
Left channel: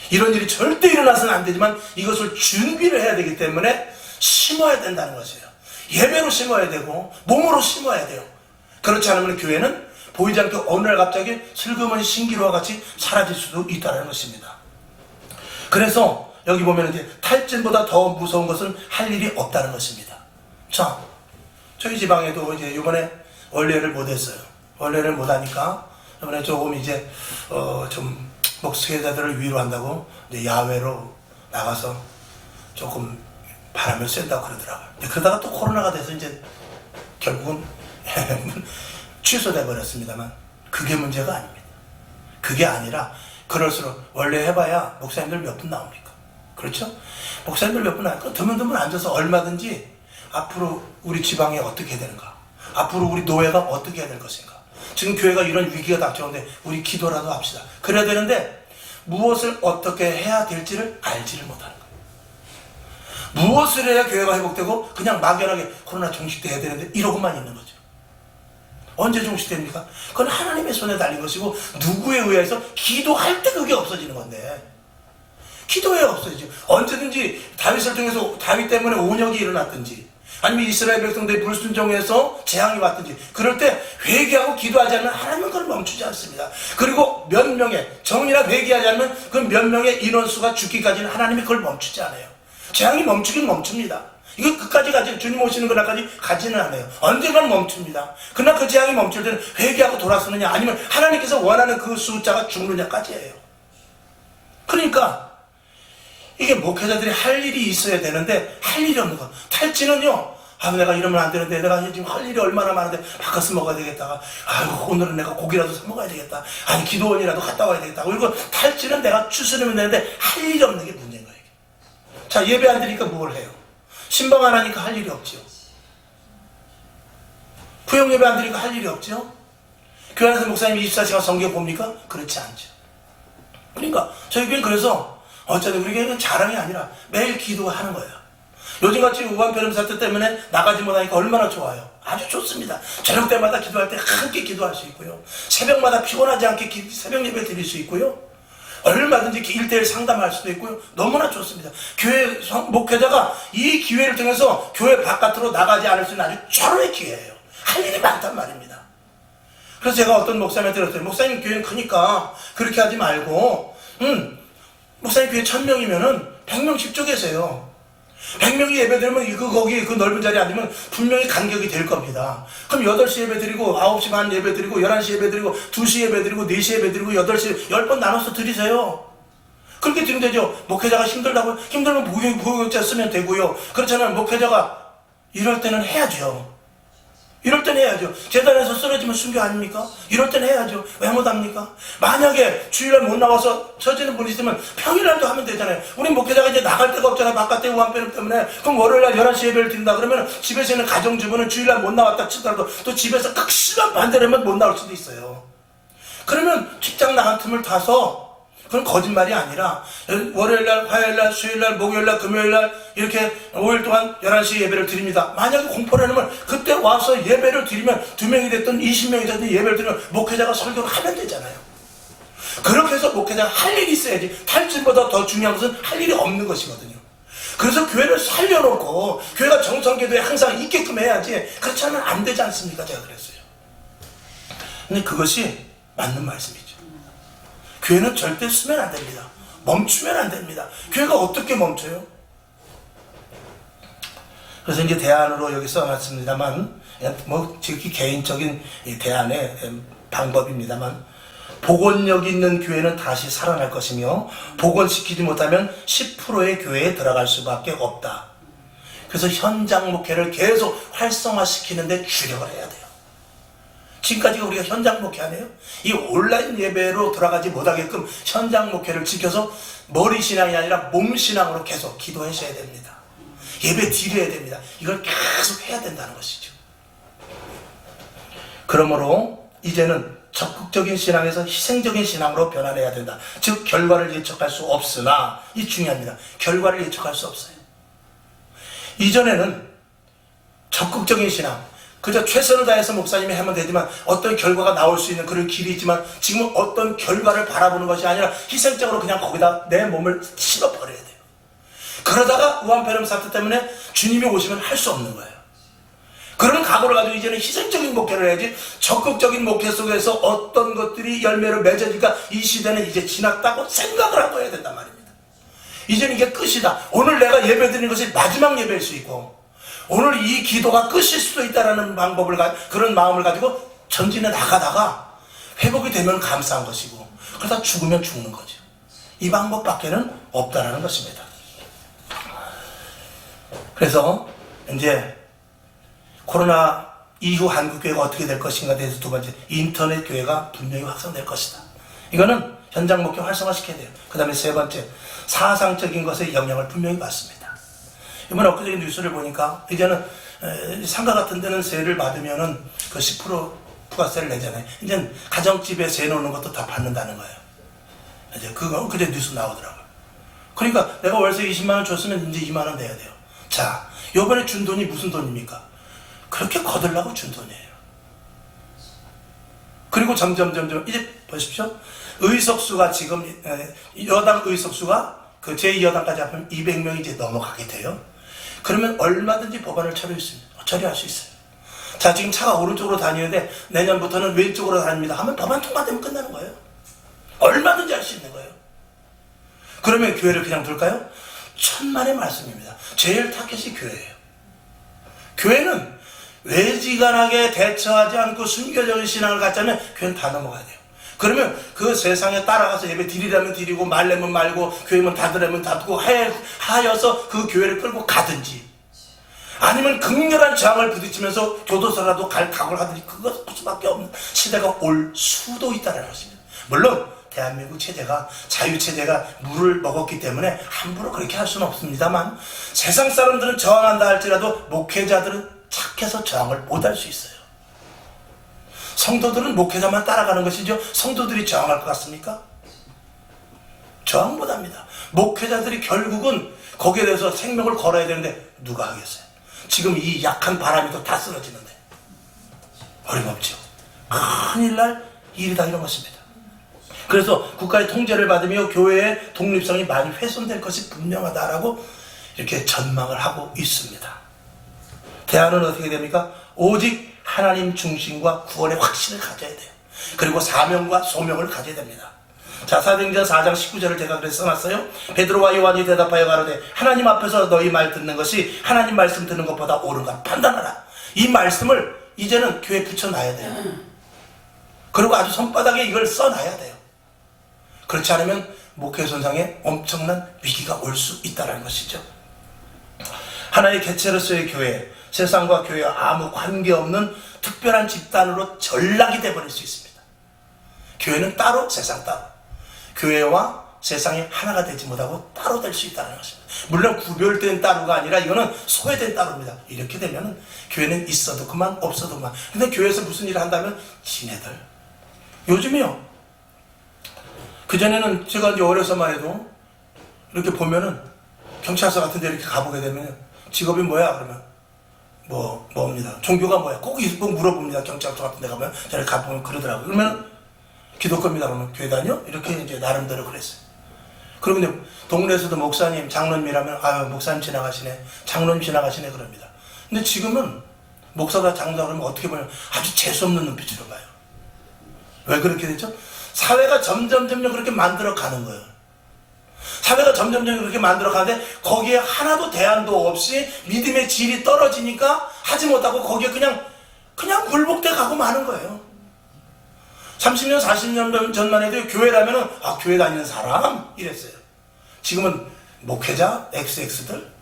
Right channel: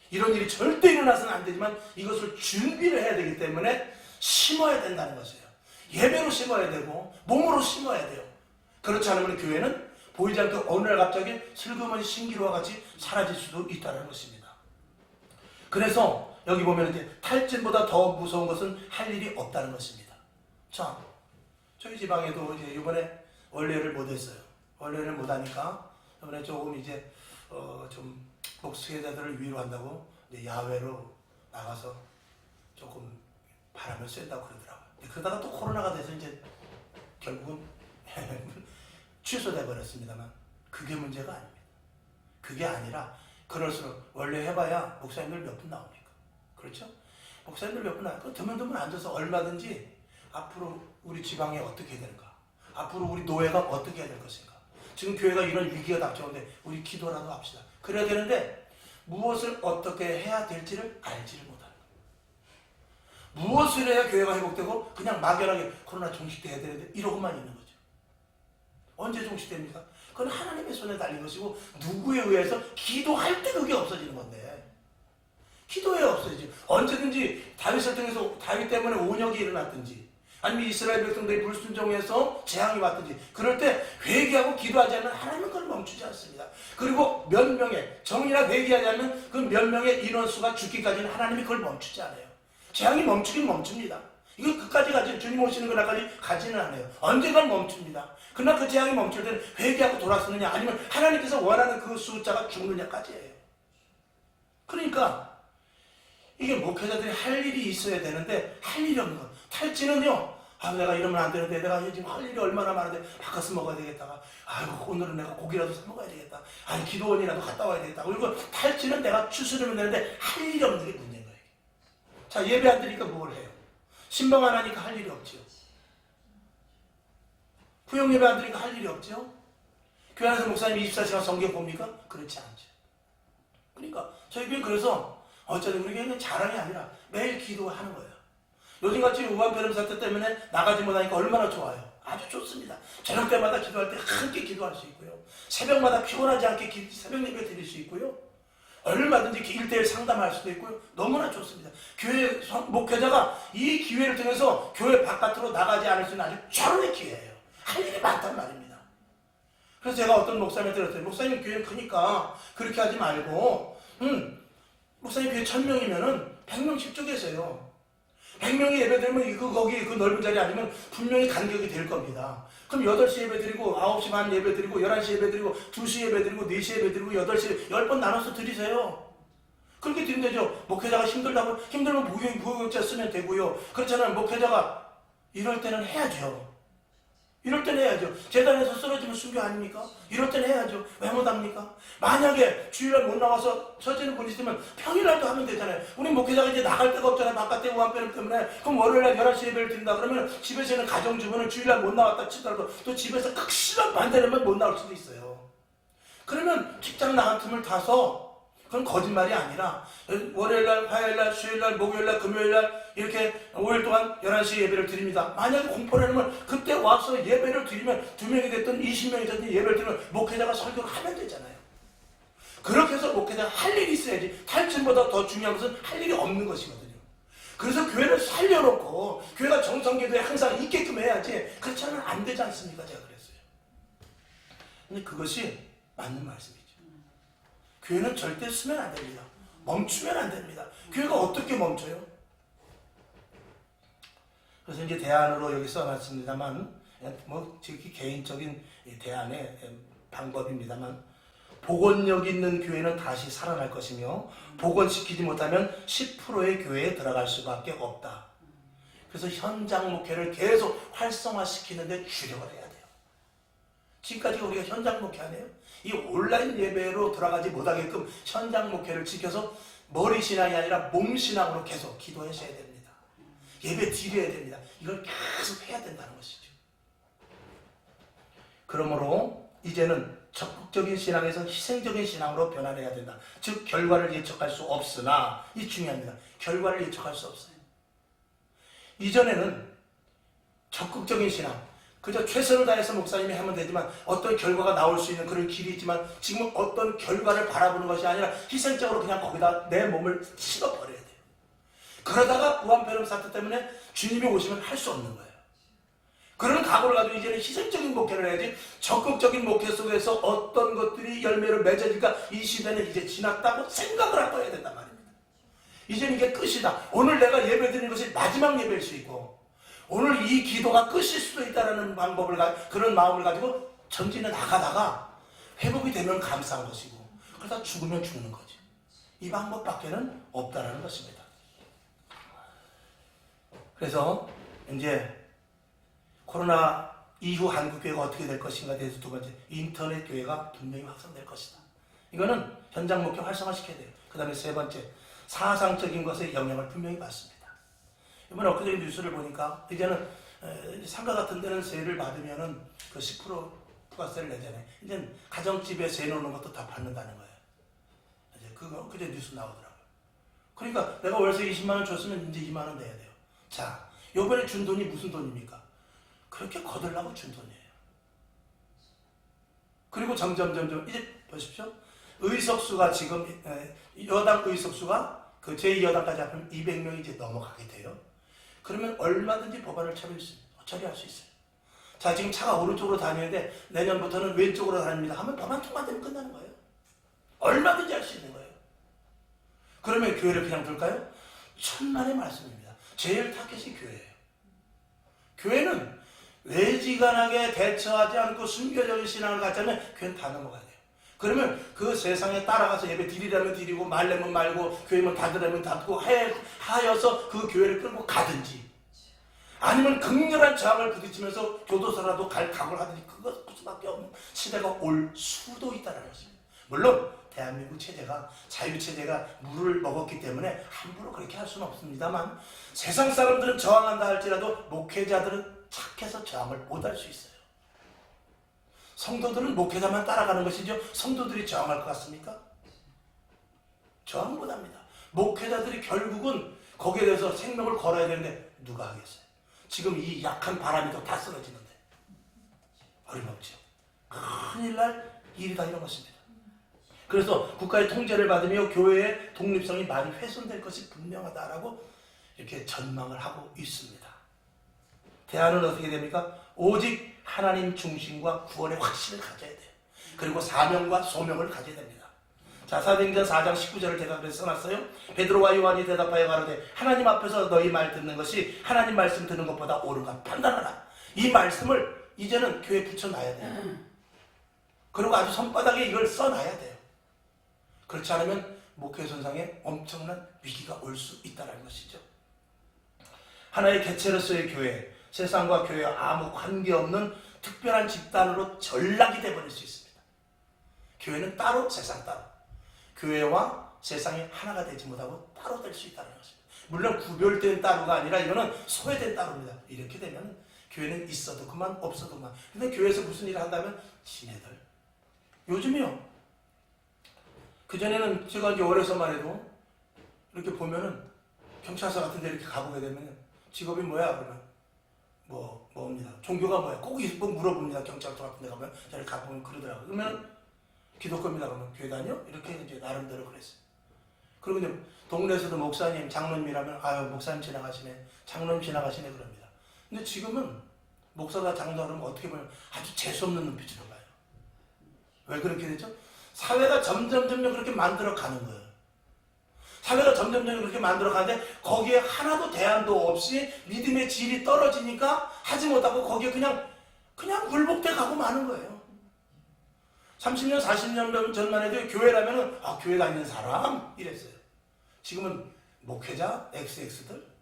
이런 일이 절대 일어나서는 안 되지만 이것을 준비를 해야 되기 때문에 심어야 된다는 것이에요. 예배로 심어야 되고 몸으로 심어야 돼요. 그렇지 않으면 교회는 보이지 않게 어느 날 갑자기 슬그머니 신기루와 같이 사라질 수도 있다는 것입니다. 그래서 여기 보면 이제 탈진보다 더 무서운 것은 할 일이 없다는 것입니다. 자, 저희 지방에도 이제 이번에 원례를 못했어요. 원례를 못하니까 이번에 조금 이제 좀 목회자들을 위로한다고 이제 야외로 나가서 조금 바람을 쐰다고 그러더라고요. 그러다가 또 코로나가 돼서 이제 결국은 취소돼 버렸습니다만, 그게 문제가 아닙니다. 그게 아니라 그럴수록 원래 해봐야 목사님들 몇 분 나옵니까? 그렇죠? 목사님들 몇 분 나니까 드문드문 앉아서 얼마든지 앞으로 우리 지방이 어떻게 되는가, 앞으로 우리 노예가 어떻게 해야 될 것인가, 지금 교회가 이런 위기가 닥쳐오는데 우리 기도라도 합시다. 그래야 되는데 무엇을 어떻게 해야 될지를 알지를 못하는 거예요. 무엇을 해야 교회가 회복되고 그냥 막연하게 코로나 종식돼야 되는데 이러고만 있는 거죠. 언제 종식됩니까? 그건 하나님의 손에 달린 것이고 누구에 의해서 기도할 때 그게 없어지는 건데, 기도에 없어지죠. 언제든지 다윗을 통해서 다윗 때문에 온역이 일어났든지 아니면 이스라엘 백성들이 불순종해서 재앙이 왔든지 그럴 때 회개하고 기도하지 않으면 하나님은 그걸 멈추지 않습니다. 그리고 몇 명의 정의나 회개하지 않으면 그 몇 명의 인원수가 죽기까지는 하나님이 그걸 멈추지 않아요. 재앙이 멈추긴 멈춥니다. 이거 끝까지 가지, 주님 오시는 그날까지 가지는 않아요. 언젠간 멈춥니다. 그러나 그 재앙이 멈출 때는 회개하고 돌아서느냐 아니면 하나님께서 원하는 그 숫자가 죽느냐까지예요. 그러니까 이게 목회자들이 할 일이 있어야 되는데 할 일이 없는 거. 탈진은요, 내가 이러면 안 되는데, 내가 지금 할 일이 얼마나 많은데 바카스 먹어야 되겠다, 오늘은 내가 고기라도 사 먹어야 되겠다, 아니 기도원이라도 갔다 와야 되겠다. 그리고 탈진은 내가 추스르면 되는데 할 일이 없는 게 문제인 거예요. 자, 예배 안 드리니까 뭘 해요? 신방 안 하니까 할 일이 없죠. 부영 예배 안 드리니까 할 일이 없죠. 교회 안에서 목사님이 24시간 성경 봅니까? 그렇지 않죠. 그러니까 저희 교회는 그래서 어쩌든 우리 교회는 자랑이 아니라 매일 기도하는 거예요. 요즘같이 우한폐렴 사태 때문에 나가지 못하니까 얼마나 좋아요. 아주 좋습니다. 저녁 때마다 기도할 때 함께 기도할 수 있고요, 새벽마다 피곤하지 않게 새벽 예배 드릴 수 있고요, 얼마든지 1대1 상담할 수도 있고요. 너무나 좋습니다. 교회 목회자가 이 기회를 통해서 교회 바깥으로 나가지 않을 수 있는 아주 절호의 기회예요. 할 일이 많단 말입니다. 그래서 제가 어떤 목사님한테 들었어요. 목사님 교회는 크니까 그렇게 하지 말고 목사님 교회 1000명이면은 100명씩 쪼개세요. 100명이 예배드리면 거기 그 넓은 자리에 앉으면 분명히 간격이 될 겁니다. 그럼 8시 예배 드리고 9시 반 예배 드리고 11시 예배 드리고 2시 예배 드리고 4시 예배 드리고 8시 10번 나눠서 드리세요. 그렇게 드리면 되죠. 목회자가 힘들다고, 힘들면 부교육자 쓰면 되고요. 그렇잖아요. 목회자가 이럴 때는 해야죠. 이럴 때는 해야죠. 재단에서 쓰러지면 순교 아닙니까? 이럴 때는 해야죠. 왜 못합니까? 만약에 주일날 못 나와서 처지는 분이 있으면 평일날도 하면 되잖아요. 우리 목회자가 이제 나갈 데가 없잖아요. 바깥에 우한폐렴 때문에. 그럼 월요일날 11시 예배를 드린다 그러면 집에서 있는 가정주부는 주일날 못 나왔다 치더라도 또 집에서 극심한 반대를 하면 못 나올 수도 있어요. 그러면 직장 나간 틈을 타서, 그건 거짓말이 아니라 월요일날, 화요일날, 수요일날, 목요일날, 금요일날 이렇게 5일 동안 11시 예배를 드립니다. 만약에 공포를 하면 그때 와서 예배를 드리면 2명이 됐든 20명이 됐든 예배를 드리면 목회자가 설교를 하면 되잖아요. 그렇게 해서 목회자가 할 일이 있어야지. 탈진보다 더 중요한 것은 할 일이 없는 것이거든요. 그래서 교회를 살려놓고 교회가 정성기도에 항상 있게끔 해야지, 그렇지 않으면 안 되지 않습니까? 제가 그랬어요. 근데 그것이 맞는 말씀이죠. 교회는 절대 쓰면 안 됩니다. 멈추면 안 됩니다. 교회가 어떻게 멈춰요? 그래서 이제 대안으로 여기 써놨습니다만, 지극히 개인적인 대안의 방법입니다만, 복원력 있는 교회는 다시 살아날 것이며 복원시키지 못하면 10%의 교회에 들어갈 수밖에 없다. 그래서 현장 목회를 계속 활성화시키는데 주력을 해야 돼요. 지금까지 우리가 현장 목회 안 해요? 이 온라인 예배로 들어가지 못하게끔 현장 목회를 지켜서 머리 신앙이 아니라 몸 신앙으로 계속 기도하셔야 됩니다. 예배 드려야 됩니다. 이걸 계속 해야 된다는 것이죠. 그러므로 이제는 적극적인 신앙에서 희생적인 신앙으로 변화해야 된다. 즉 결과를 예측할 수 없으나, 이 중요합니다. 결과를 예측할 수 없어요. 이전에는 적극적인 신앙, 그저 최선을 다해서 목사님이 하면 되지만 어떤 결과가 나올 수 있는 그런 길이 있지만, 지금은 어떤 결과를 바라보는 것이 아니라 희생적으로 그냥 거기다 내 몸을 씹어버려야 돼요. 그러다가 우한폐렴 사태 때문에 주님이 오시면 할 수 없는 거예요. 그런 각오를 가지고 이제는 희생적인 목회를 해야지, 적극적인 목회 속에서 어떤 것들이 열매를 맺어질까, 이 시대는 이제 지났다고 생각을 하고 해야 된단 말입니다. 이제는 이게 끝이다. 오늘 내가 예배 드리는 것이 마지막 예배일 수 있고, 오늘 이 기도가 끝일 수도 있다는 그런 마음을 가지고 전진해 나가다가 회복이 되면 감사한 것이고, 그러다 죽으면 죽는 거죠. 이 방법밖에는 없다는 것입니다. 그래서 이제 코로나 이후 한국교회가 어떻게 될 것인가 대해서 두 번째, 인터넷 교회가 분명히 확산될 것이다. 이거는 현장 목회 활성화시켜야 돼요. 그 다음에 세 번째, 사상적인 것에 영향을 분명히 받습니다. 이번에 엊그제 뉴스를 보니까 이제는 상가 같은 데는 세를 받으면은 그 10% 부가세를 내잖아요. 이제 가정집에 세 놓는 것도 다 받는다는 거예요. 이제 그거 엊그제 뉴스 나오더라고요. 그러니까 내가 월세 20만 원 줬으면 이제 2만 원 내야 돼요. 자, 요번에 준 돈이 무슨 돈입니까? 그렇게 거들라고 준 돈이에요. 그리고 점점 이제 보십시오. 의석수가 지금 여당 의석수가 그 제2여당까지 합하면 200명이 이제 넘어가게 돼요. 그러면 얼마든지 법안을 처리할 수 있어요. 자, 지금 차가 오른쪽으로 다니는데 내년부터는 왼쪽으로 다닙니다 하면 법안 통과되면 끝나는 거예요. 얼마든지 할 수 있는 거예요. 그러면 교회를 그냥 둘까요? 천만의 말씀입니다. 제일 타겟이 교회예요. 교회는 외지간하게 대처하지 않고 순교적인 신앙을 갖자면 교회는 다 넘어가야 돼요. 그러면 그 세상에 따라가서 예배 드리려면 드리고 말려면 말고 교회면 닫으려면 닫고 하여서 그 교회를 끌고 가든지, 아니면 극렬한 저항을 부딪히면서 교도소라도 갈 각오를 하든지, 그것 수밖에 없는 시대가 올 수도 있다는 것입니다. 물론 대한민국 체제가 자유체제가 물을 먹었기 때문에 함부로 그렇게 할 수는 없습니다만, 세상 사람들은 저항한다 할지라도 목회자들은 착해서 저항을 못할 수 있어요. 성도들은 목회자만 따라가는 것이죠. 성도들이 저항할 것 같습니까? 저항 못합니다. 목회자들이 결국은 거기에 대해서 생명을 걸어야 되는데 누가 하겠어요? 지금 이 약한 바람이 다 쓰러지는데 어림없죠. 큰일 날 일이다, 이런 것입니다. 그래서 국가의 통제를 받으며 교회의 독립성이 많이 훼손될 것이 분명하다라고 이렇게 전망을 하고 있습니다. 대안은 어떻게 됩니까? 오직 하나님 중심과 구원의 확신을 가져야 돼요. 그리고 사명과 소명을 가져야 됩니다. 자, 사도행전 4장 19절을 제가 그래서 써놨어요. 베드로와 요한이 대답하여 가로되 하나님 앞에서 너희 말 듣는 것이 하나님 말씀 듣는 것보다 옳은가 판단하라. 이 말씀을 이제는 교회에 붙여놔야 돼요. 그리고 아주 손바닥에 이걸 써놔야 돼요. 그렇지 않으면 목회 손상에 엄청난 위기가 올 수 있다는 것이죠. 하나의 개체로서의 교회, 세상과 교회와 아무 관계없는 특별한 집단으로 전락이 되어버릴 수 있습니다. 교회는 따로, 세상 따로. 교회와 세상이 하나가 되지 못하고 따로 될 수 있다는 것입니다. 물론 구별된 따로가 아니라 이거는 소외된 따로입니다. 이렇게 되면 교회는 있어도 그만, 없어도 그만. 근데 교회에서 무슨 일을 한다면 지네들. 요즘에요, 그전에는 제가 이제 어려서만 해도 이렇게 보면은 경찰서 같은 데 이렇게 가보게 되면 직업이 뭐야? 그러면 뭡니다. 종교가 뭐야? 꼭 물어봅니다. 경찰서 같은 데 가면 저를 가보면 그러더라고요. 그러면 기독교입니다. 그러면 교회 다녀? 이렇게 이제 나름대로 그랬어요. 그리고 이제 동네에서도 목사님, 장로님이라면 아유, 목사님 지나가시네, 장로님 지나가시네 그럽니다. 근데 지금은 목사가 장로다 그러면 어떻게 보면 아주 재수없는 눈빛으로 봐요. 왜 그렇게 되죠? 사회가 점점 그렇게 만들어 가는 거예요. 사회가 점점 그렇게 만들어 가는데 거기에 하나도 대안도 없이 믿음의 질이 떨어지니까 하지 못하고 거기에 그냥 굴복돼 가고 마는 거예요. 30년, 40년 전만 해도 교회라면은 교회 다니는 사람 이랬어요. 지금은 목회자, XX들,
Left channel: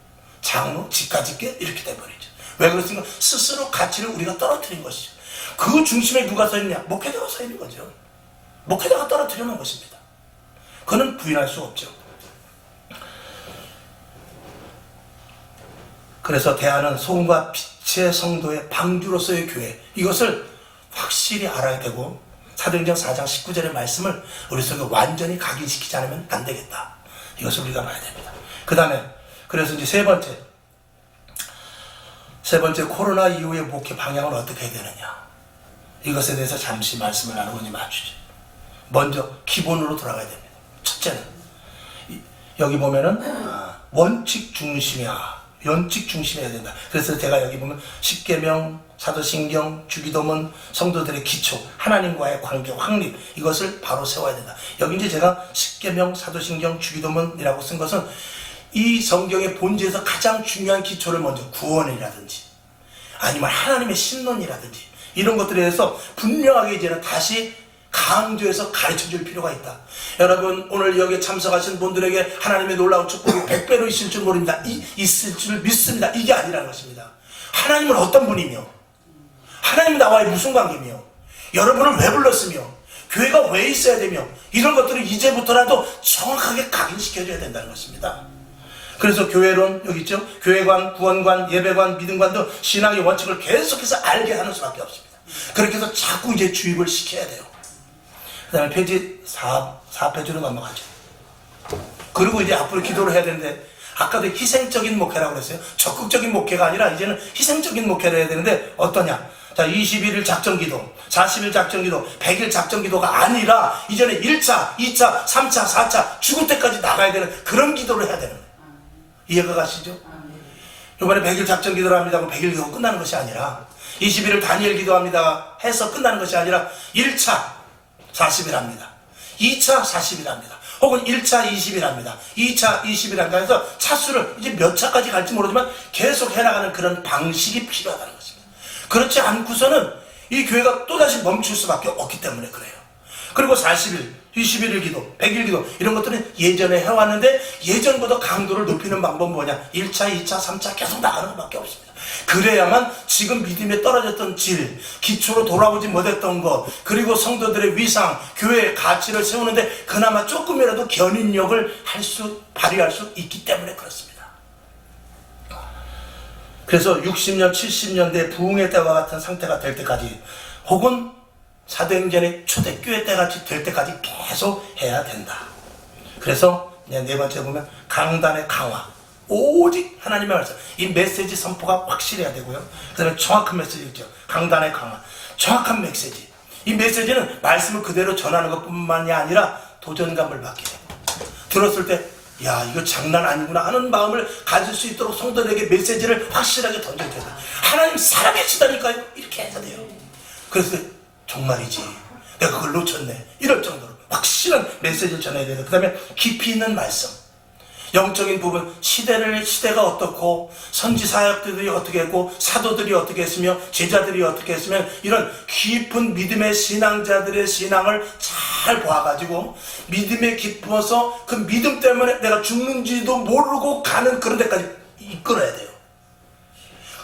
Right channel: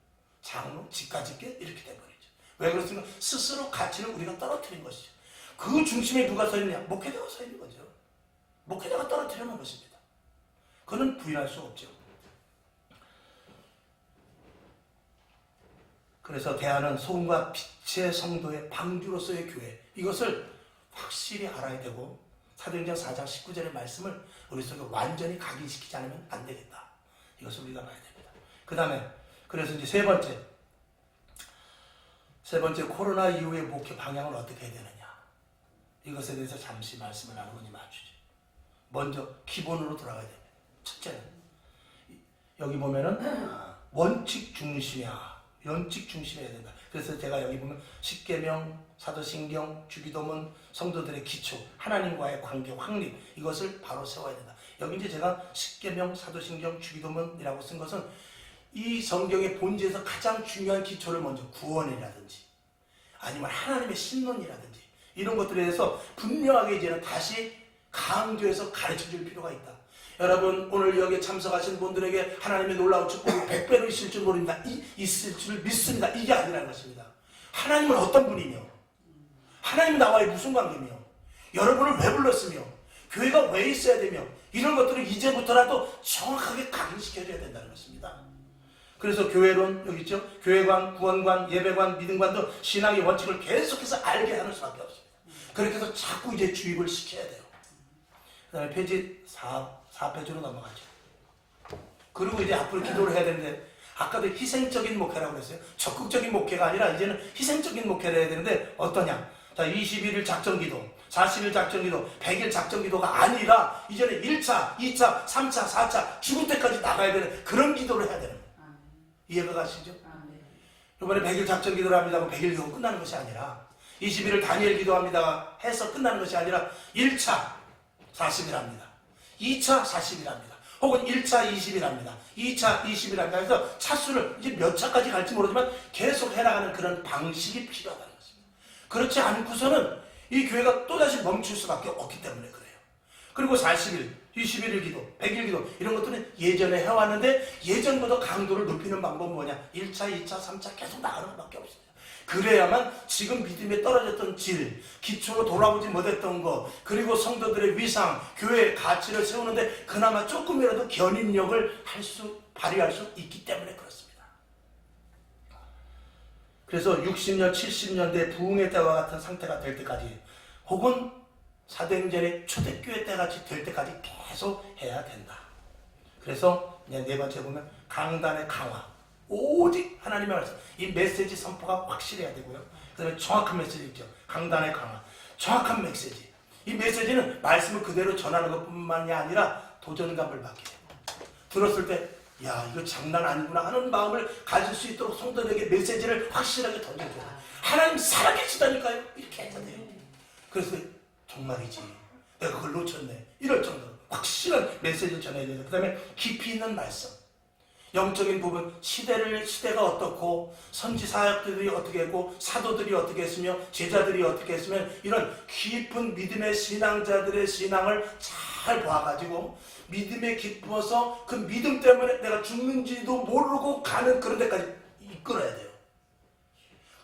장로, 집가집게 이렇게 돼버리죠. 왜 그렇습니까? 스스로 가치를 우리가 떨어뜨린 것이죠. 그 중심에 누가 서 있느냐? 목회자가 서 있는 거죠. 목회자가 떨어뜨려 놓은 것입니다. 그는 부인할 수 없죠. 그래서 대안은 소금과 빛의 성도의 방주로서의 교회, 이것을 확실히 알아야 되고, 사도행전 4장 19절의 말씀을 우리 속에 완전히 각인시키지 않으면 안 되겠다. 이것을 우리가 봐야 됩니다. 그 다음에 그래서 이제 세 번째 코로나 이후의 목회 방향을 어떻게 해야 되느냐, 이것에 대해서 잠시 말씀을 나누고 이제 마치죠. 먼저 기본으로 돌아가야 됩니다. 첫째는 여기 보면은 원칙 중심이야. 원칙 중심해야 된다. 그래서 제가 여기 보면 십계명, 사도신경, 주기도문, 성도들의 기초, 하나님과의 관계 확립, 이것을 바로 세워야 된다. 여기 이제 제가 십계명, 사도신경, 주기도문이라고 쓴 것은 이 성경의 본질에서 가장 중요한 기초를 먼저, 구원이라든지 아니면 하나님의 신론이라든지 이런 것들에 대해서 분명하게 이제는 다시 강조해서 가르쳐줄 필요가 있다. 여러분, 오늘 여기에 참석하신 분들에게 하나님의 놀라운 축복이 100배로 있을 줄 모릅니다. 있을 줄 믿습니다. 이게 아니라는 것입니다. 하나님은 어떤 분이며 하나님이 나와의 무슨 관계며 여러분을 왜 불렀으며 교회가 왜 있어야 되며 이런 것들을 이제부터라도 정확하게 각인시켜줘야 된다는 것입니다. 그래서 교회론 여기 있죠. 교회관, 구원관, 예배관, 믿음관도 신앙의 원칙을 계속해서 알게 하는 수밖에 없습니다. 그렇게 해서 자꾸 이제 주입을 시켜야 돼요. 그 다음에 페이지 4페이지로 넘어가죠. 그리고 이제 앞으로 기도를 해야 되는데 아까도 희생적인 목회라고 그랬어요. 적극적인 목회가 아니라 이제는 희생적인 목회를 해야 되는데 어떠냐. 자, 21일 작전기도, 40일 작전기도, 100일 작전기도가 아니라 이제는 1차, 2차, 3차, 4차 죽을 때까지 나가야 되는 그런 기도를 해야 되는 거예요. 이해가 가시죠? 이번에 100일 작전기도를 합니다 하고 100일 기도 끝나는 것이 아니라 21일 다니엘 기도합니다 해서 끝나는 것이 아니라 1차 40일 합니다. 2차 40일 합니다. 혹은 1차 20일 합니다. 2차 20일 합니다. 해서 차수를 이제 몇 차까지 갈지 모르지만 계속 해나가는 그런 방식이 필요하다는 것입니다. 그렇지 않고서는 이 교회가 또다시 멈출 수밖에 없기 때문에 그래요. 그리고 40일, 21일 기도, 100일 기도 이런 것들은 예전에 해왔는데 예전보다 강도를 높이는 방법은 뭐냐. 1차, 2차, 3차 계속 나가는 것밖에 없습니다. 그래야만 지금 믿음에 떨어졌던 질, 기초로 돌아보지 못했던 것, 그리고 성도들의 위상, 교회의 가치를 세우는데 그나마 조금이라도 견인력을 발휘할 수 있기 때문에 그렇습니다. 그래서 60년, 70년대 부흥의 때와 같은 상태가 될 때까지 혹은 사도행전의 초대교회 때같이 될 때까지 계속 해야 된다. 그래서 네 번째 보면 강단의 강화. 오직 하나님의 말씀. 이 메시지 선포가 확실해야 되고요. 그 다음에 정확한 메시지 있죠. 강단의 강화. 정확한 메시지. 이 메시지는 말씀을 그대로 전하는 것뿐만이 아니라 도전감을 받게 되고 들었을 때 야 이거 장난 아니구나 하는 마음을 가질 수 있도록 성도들에게 메시지를 확실하게 던져줘야 돼요. 하나님 살아계시다니까요. 이렇게 해야 돼요. 그래서 정말이지 내가 그걸 놓쳤네 이럴 정도로 확실한 메시지를 전해야 돼요. 그 다음에 깊이 있는 말씀, 영적인 부분, 시대가 어떻고 선지사역들이 어떻게 했고 사도들이 어떻게 했으며 제자들이 어떻게 했으면 이런 깊은 믿음의 신앙자들의 신앙을 잘 봐가지고 믿음에 깊어서 그 믿음 때문에 내가 죽는지도 모르고 가는 그런 데까지 이끌어야 돼요.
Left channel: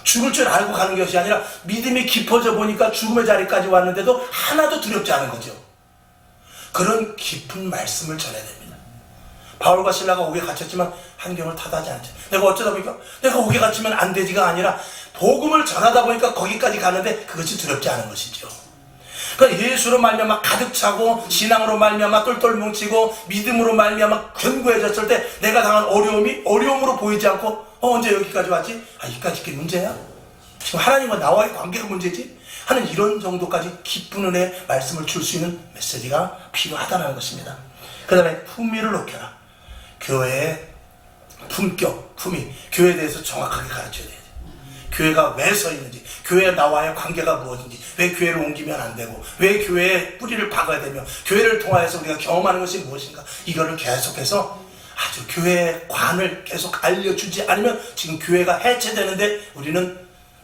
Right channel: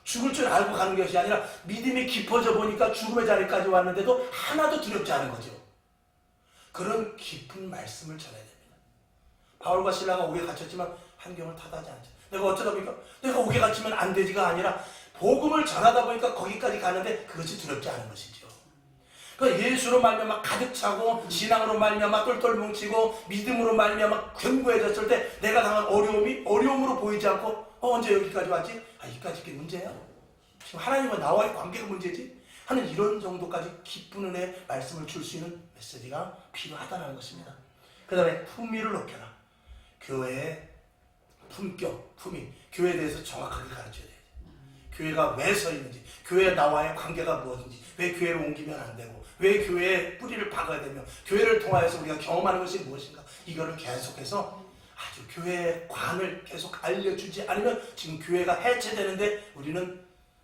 죽을 줄 알고 가는 것이 아니라 믿음이 깊어져 보니까 죽음의 자리까지 왔는데도 하나도 두렵지 않은 거죠. 그런 깊은 말씀을 전해야 됩니다. 바울과 신라가 옥에 갇혔지만 한경을 타다하지 않죠. 내가 어쩌다 보니까 내가 옥에 갇히면 안 되지가 아니라 복음을 전하다 보니까 거기까지 가는데 그것이 두렵지 않은 것이죠. 그러니까 예수로 말미암아 가득 차고 신앙으로 말미암아 똘똘 뭉치고 믿음으로 말미암아 견고해졌을 때 내가 당한 어려움이 어려움으로 보이지 않고 언제 여기까지 왔지? 이까지 게 문제야? 지금 하나님과 나와의 관계가 문제지? 하는 이런 정도까지 깊은 은혜의 말씀을 줄 수 있는 메시지가 필요하다는 것입니다. 그 다음에 품위를 높여라. 교회의 품격, 품위, 교회에 대해서 정확하게 가르쳐야 돼요. 교회가 왜 서 있는지, 교회 나와의 관계가 무엇인지, 왜 교회를 옮기면 안 되고, 왜 교회에 뿌리를 박아야 되며, 교회를 통하여서 우리가 경험하는 것이 무엇인가, 이거를 계속해서 아주 교회의 관을 계속 알려주지 않으면 지금 교회가 해체되는데 우리는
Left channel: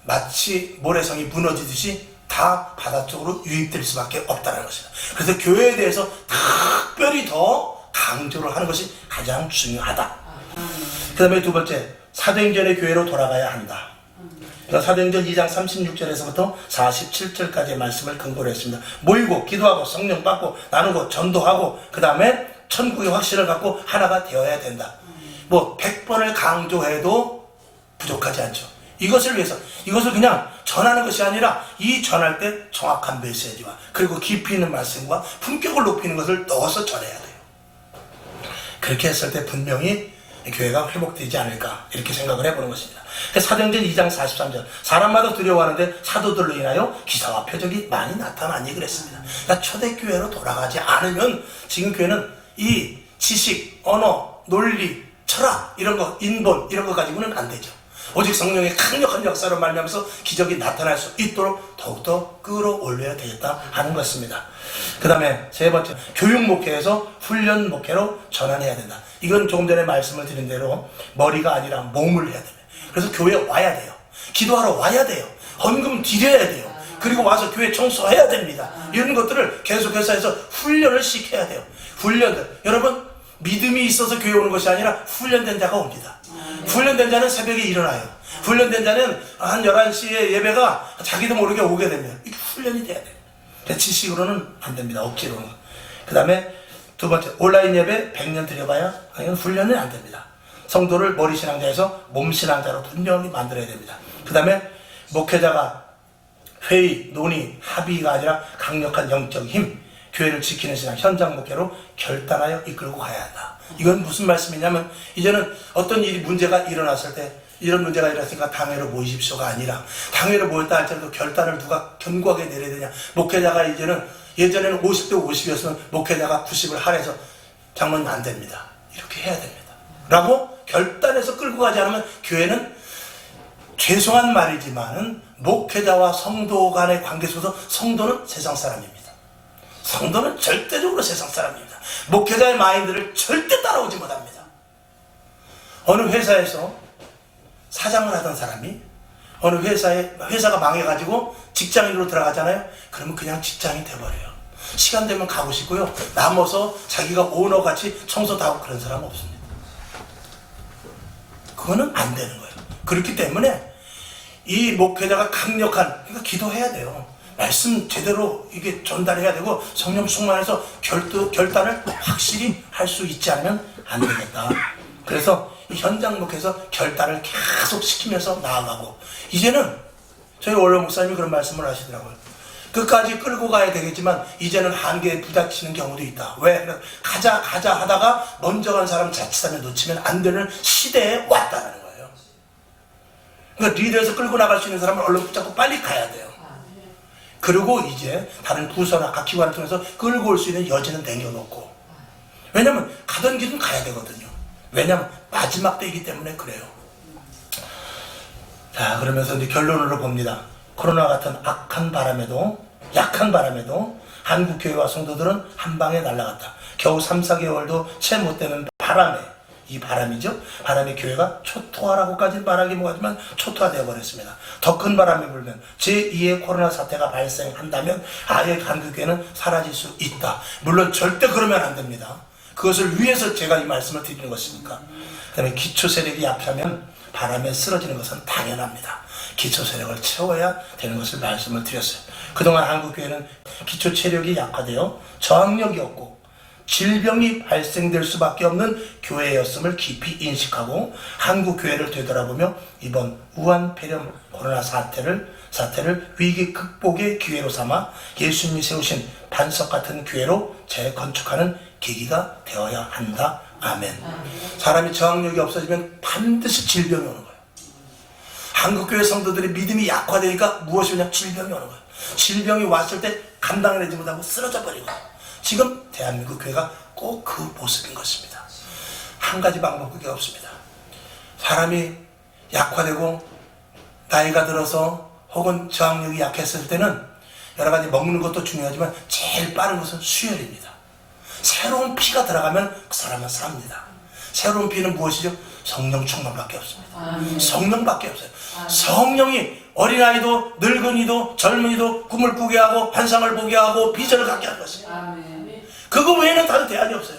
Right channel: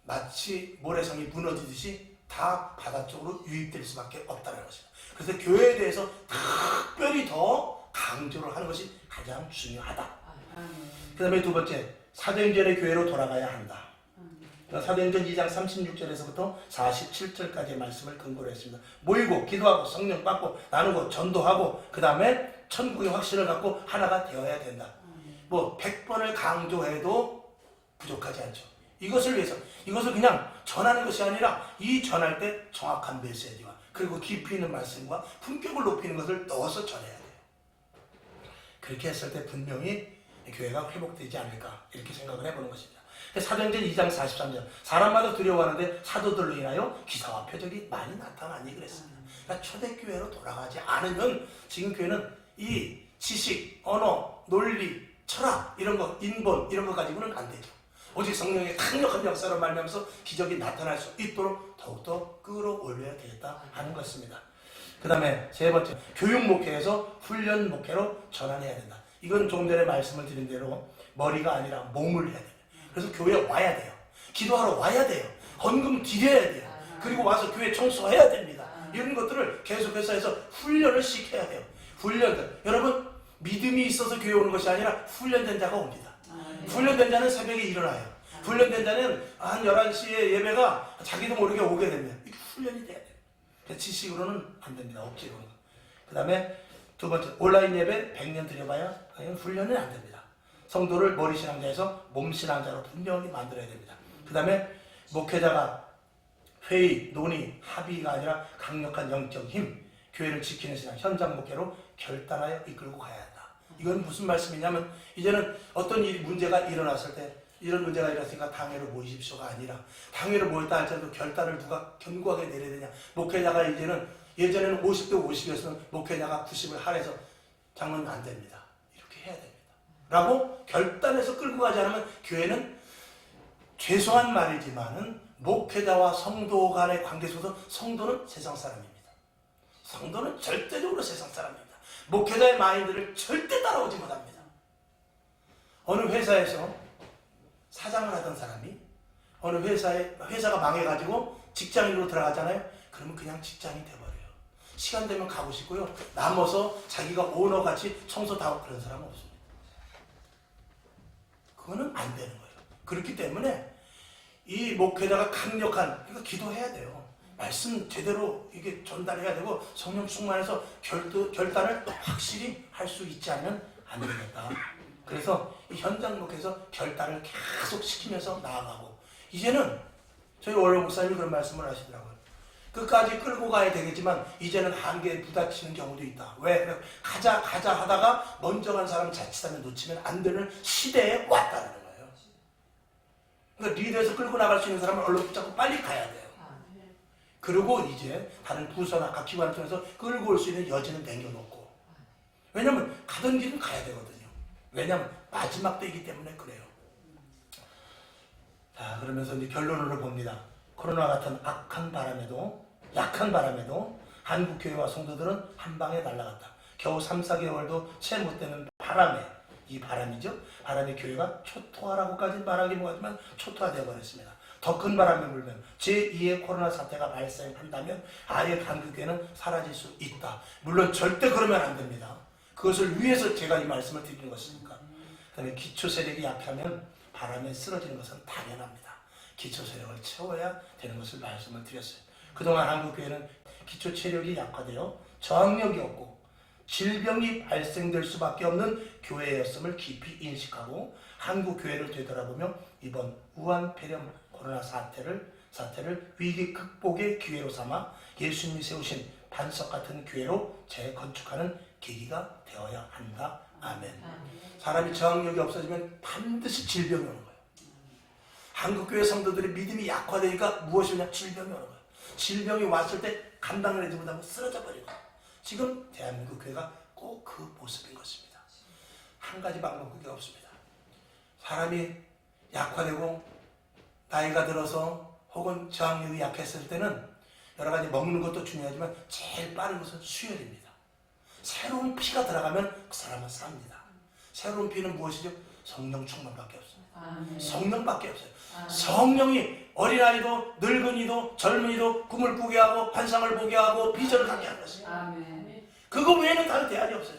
마치 모래성이 무너지듯이 다 바닷속으로 유입될 수밖에 없다는 것입니다. 그래서 교회에 대해서 특별히 더 강조를 하는 것이 가장 중요하다. 그 다음에 두 번째, 사도행전의 교회로 돌아가야 한다. 그러니까 사도행전 2장 36절에서부터 47절까지의 말씀을 근거로 했습니다. 모이고 기도하고 성령 받고 나누고 전도하고 그 다음에 천국의 확신을 갖고 하나가 되어야 된다. 100번을 강조해도 부족하지 않죠. 이것을 위해서 이것을 그냥 전하는 것이 아니라 이 전할 때 정확한 메시지와 그리고 깊이 있는 말씀과 품격을 높이는 것을 넣어서 전해야 돼요. 그렇게 했을 때 분명히 교회가 회복되지 않을까 이렇게 생각을 해보는 것입니다. 사도행전 2장 43절 사람마다 두려워하는데 사도들로 인하여 기사와 표적이 많이 나타나니 그랬습니다. 그러니까 초대교회로 돌아가지 않으면 지금 교회는 이 지식, 언어, 논리, 철학 이런 거, 인본 이런 거 가지고는 안 되죠. 오직 성령의 강력한 역사로 말미암아서 기적이 나타날 수 있도록 더욱더 끌어올려야 되겠다 하는 것입니다. 그 다음에 세 번째, 교육 목회에서 훈련 목회로 전환해야 된다. 이건 조금 전에 말씀을 드린 대로 머리가 아니라 몸을 해야 됩니다. 그래서 교회에 와야 돼요. 기도하러 와야 돼요. 헌금 드려야 돼요. 그리고 와서 교회 청소해야 됩니다. 이런 것들을 계속해서 해서 훈련을 시켜야 돼요. 훈련들. 여러분, 믿음이 있어서 교회 오는 것이 아니라 훈련된 자가 옵니다. 훈련된 자는 새벽에 일어나요. 훈련된 자는 한 11시에 예배가 자기도 모르게 오게 됩니다. 이게 훈련이 돼야 돼요. 지식으로는 안 됩니다. 억지로는. 그 다음에 두 번째, 온라인 예배 100년 드려봐야 이건 훈련이 안 됩니다. 성도를 머리신앙자에서 몸신앙자로 분명히 만들어야 됩니다. 그 다음에 목회자가 회의, 논의, 합의가 아니라 강력한 영적 힘, 교회를 지키는 신앙, 현장 목회로 결단하여 이끌고 가야 한다. 이건 무슨 말씀이냐면 이제는 어떤 일이 문제가 일어났을 때 이런 문제가 일어났으니까 당회로 모이십시오가 아니라 당회로 모였다 할지라도 결단을 누가 견고하게 내려야 되냐. 목회자가 이제는 예전에는 50대 50이었으면 목회자가 90을 할애해서 장로님 안 됩니다. 이렇게 해야 됩니다. 라고 결단해서 끌고 가지 않으면 교회는 죄송한 말이지만은 목회자와 성도 간의 관계 속에서 성도는 세상 사람입니다. 성도는 절대적으로 세상 사람입니다. 목회자의 마인드를 절대 따라오지 못합니다. 어느 회사에서 사장을 하던 사람이 어느 회사가 망해가지고 직장인으로 들어가잖아요. 그러면 그냥 직장인 돼버려요. 시간 되면 가고 싶고요. 남아서 자기가 오너같이 청소 다 하고 그런 사람 없습니다. 그거는 안 되는 거예요. 그렇기 때문에 이 목회자가 강력한, 그러니까 기도해야 돼요. 말씀 제대로 이게 전달해야 되고 성령 충만해서 결단을 확실히 할 수 있지 않으면 안 되겠다. 그래서 이 현장 목회에서 결단을 계속 시키면서 나아가고, 이제는 저희 원로 목사님이 그런 말씀을 하시더라고요. 끝까지 끌고 가야 되겠지만 이제는 한계에 부닥치는 경우도 있다. 왜? 가자 하다가 먼저 간 사람 자칫하면 놓치면 안 되는 시대에 왔다는 거예요. 그러니까 리더에서 끌고 나갈 수 있는 사람은 얼른 붙잡고 빨리 가야 돼요. 그리고 이제 다른 부서나 각 기관을 통해서 끌고 올 수 있는 여지는 남겨놓고, 왜냐면 가던 길은 가야 되거든요. 왜냐면 마지막 때이기 때문에 그래요. 자, 그러면서 이제 결론으로 봅니다. 코로나 같은 약한 바람에도 한국 교회와 성도들은 한 방에 날아갔다. 겨우 3, 4개월도 채 못 되는 바람에, 이 바람이죠. 바람에 교회가 초토화라고까지 말하기 뭐하지만 초토화되어 버렸습니다. 더 큰 바람이 불면 제2의 코로나 사태가 발생한다면 아예 한국 교회는 사라질 수 있다. 물론 절대 그러면 안 됩니다. 그것을 위해서 제가 이 말씀을 드리는 것이니까. 그 다음에 기초 세력이 약하면 바람에 쓰러지는 것은 당연합니다. 기초 세력을 채워야 되는 것을 말씀을 드렸어요. 그동안 한국 교회는 기초 체력이 약화되어 저항력이 없고 질병이 발생될 수밖에 없는 교회였음을 깊이 인식하고 한국 교회를 되돌아보며 이번 우한 폐렴 코로나 사태를 위기 극복의 기회로 삼아 예수님이 세우신 반석 같은 교회로 재건축하는 계기가 되어야 한다. 아멘. 사람이 저항력이 없어지면 반드시 질병이 오는 거예요. 한국교회 성도들의 믿음이 약화되니까 무엇이 오냐? 질병이 오는 거예요. 질병이 왔을 때 감당을 하지 못하고 쓰러져 버리고, 지금 대한민국 교회가 꼭 그 모습인 것입니다. 한 가지 방법밖에 없습니다. 사람이 약화되고 나이가 들어서 혹은 저항력이 약했을 때는 여러 가지 먹는 것도 중요하지만 제일 빠른 것은 수혈입니다. 새로운 피가 들어가면 그 사람은 삽니다. 새로운 피는 무엇이죠? 성령 충만밖에 없습니다. 성령밖에 없어요. 성령이 어린아이도 늙은이도 젊은이도 꿈을 꾸게 하고 환상을 보게 하고 비전을 갖게 하는 것입니다. 그거 외에는 다른 대안이 없어요.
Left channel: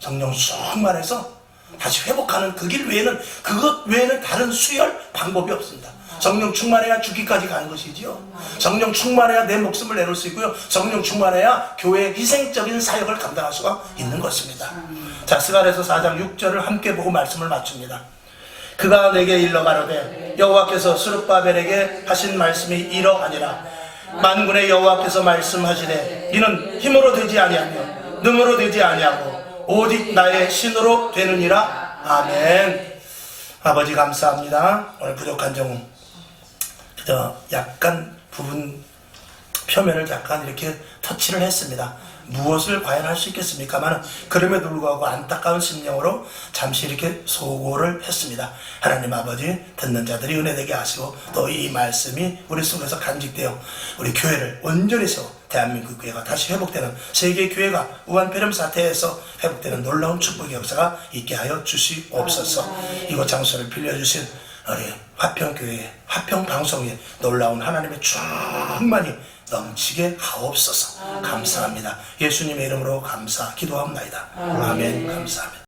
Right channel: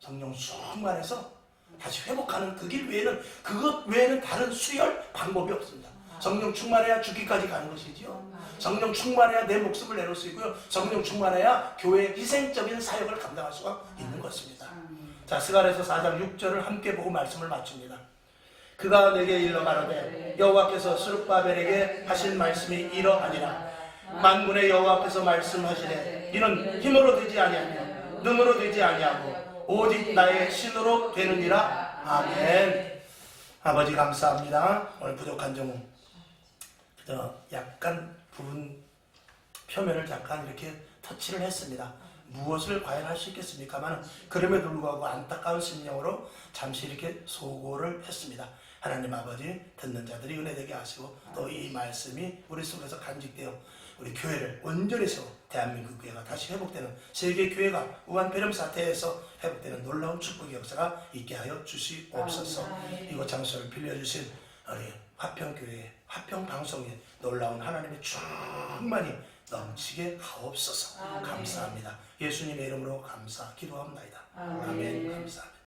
성령 충만해서 다시 회복하는 그 길 외에는, 그것 외에는 다른 수혈 방법이 없습니다. 성령 충만해야 죽기까지 가는 것이지요. 성령 충만해야 내 목숨을 내놓을 수 있고요. 성령 충만해야 교회의 희생적인 사역을 감당할 수가 있는 것입니다. 자, 스가랴서 4장 6절을 함께 보고 말씀을 마칩니다. 그가 내게 일러 가로되 여호와께서 스룹바벨에게 하신 말씀이 이러하니라. 만군의 여호와께서 말씀하시되 이는 힘으로 되지 아니하며 능으로 되지 아니하고 오직 나의 신으로 되느니라. 아멘. 아버지 감사합니다. 오늘 부족한 점은 그저 약간 부분 표면을 약간 이렇게 터치를 했습니다. 무엇을 과연 할 수 있겠습니까만 그럼에도 불구하고 안타까운 심령으로 잠시 이렇게 소고를 했습니다. 하나님 아버지, 듣는 자들이 은혜되게 하시고 또 이 말씀이 우리 속에서 간직되어 우리 교회를 온전히 세워 대한민국 교회가 다시 회복되는, 세계 교회가 우한 폐렴 사태에서 회복되는 놀라운 축복의 역사가 있게 하여 주시옵소서. 이곳 장소를 빌려주신 우리 화평교회, 화평방송에 놀라운 하나님의 충만이 넘치게 하옵소서. 감사합니다. 예수님의 이름으로 기도합니다. 아멘. 감사합니다.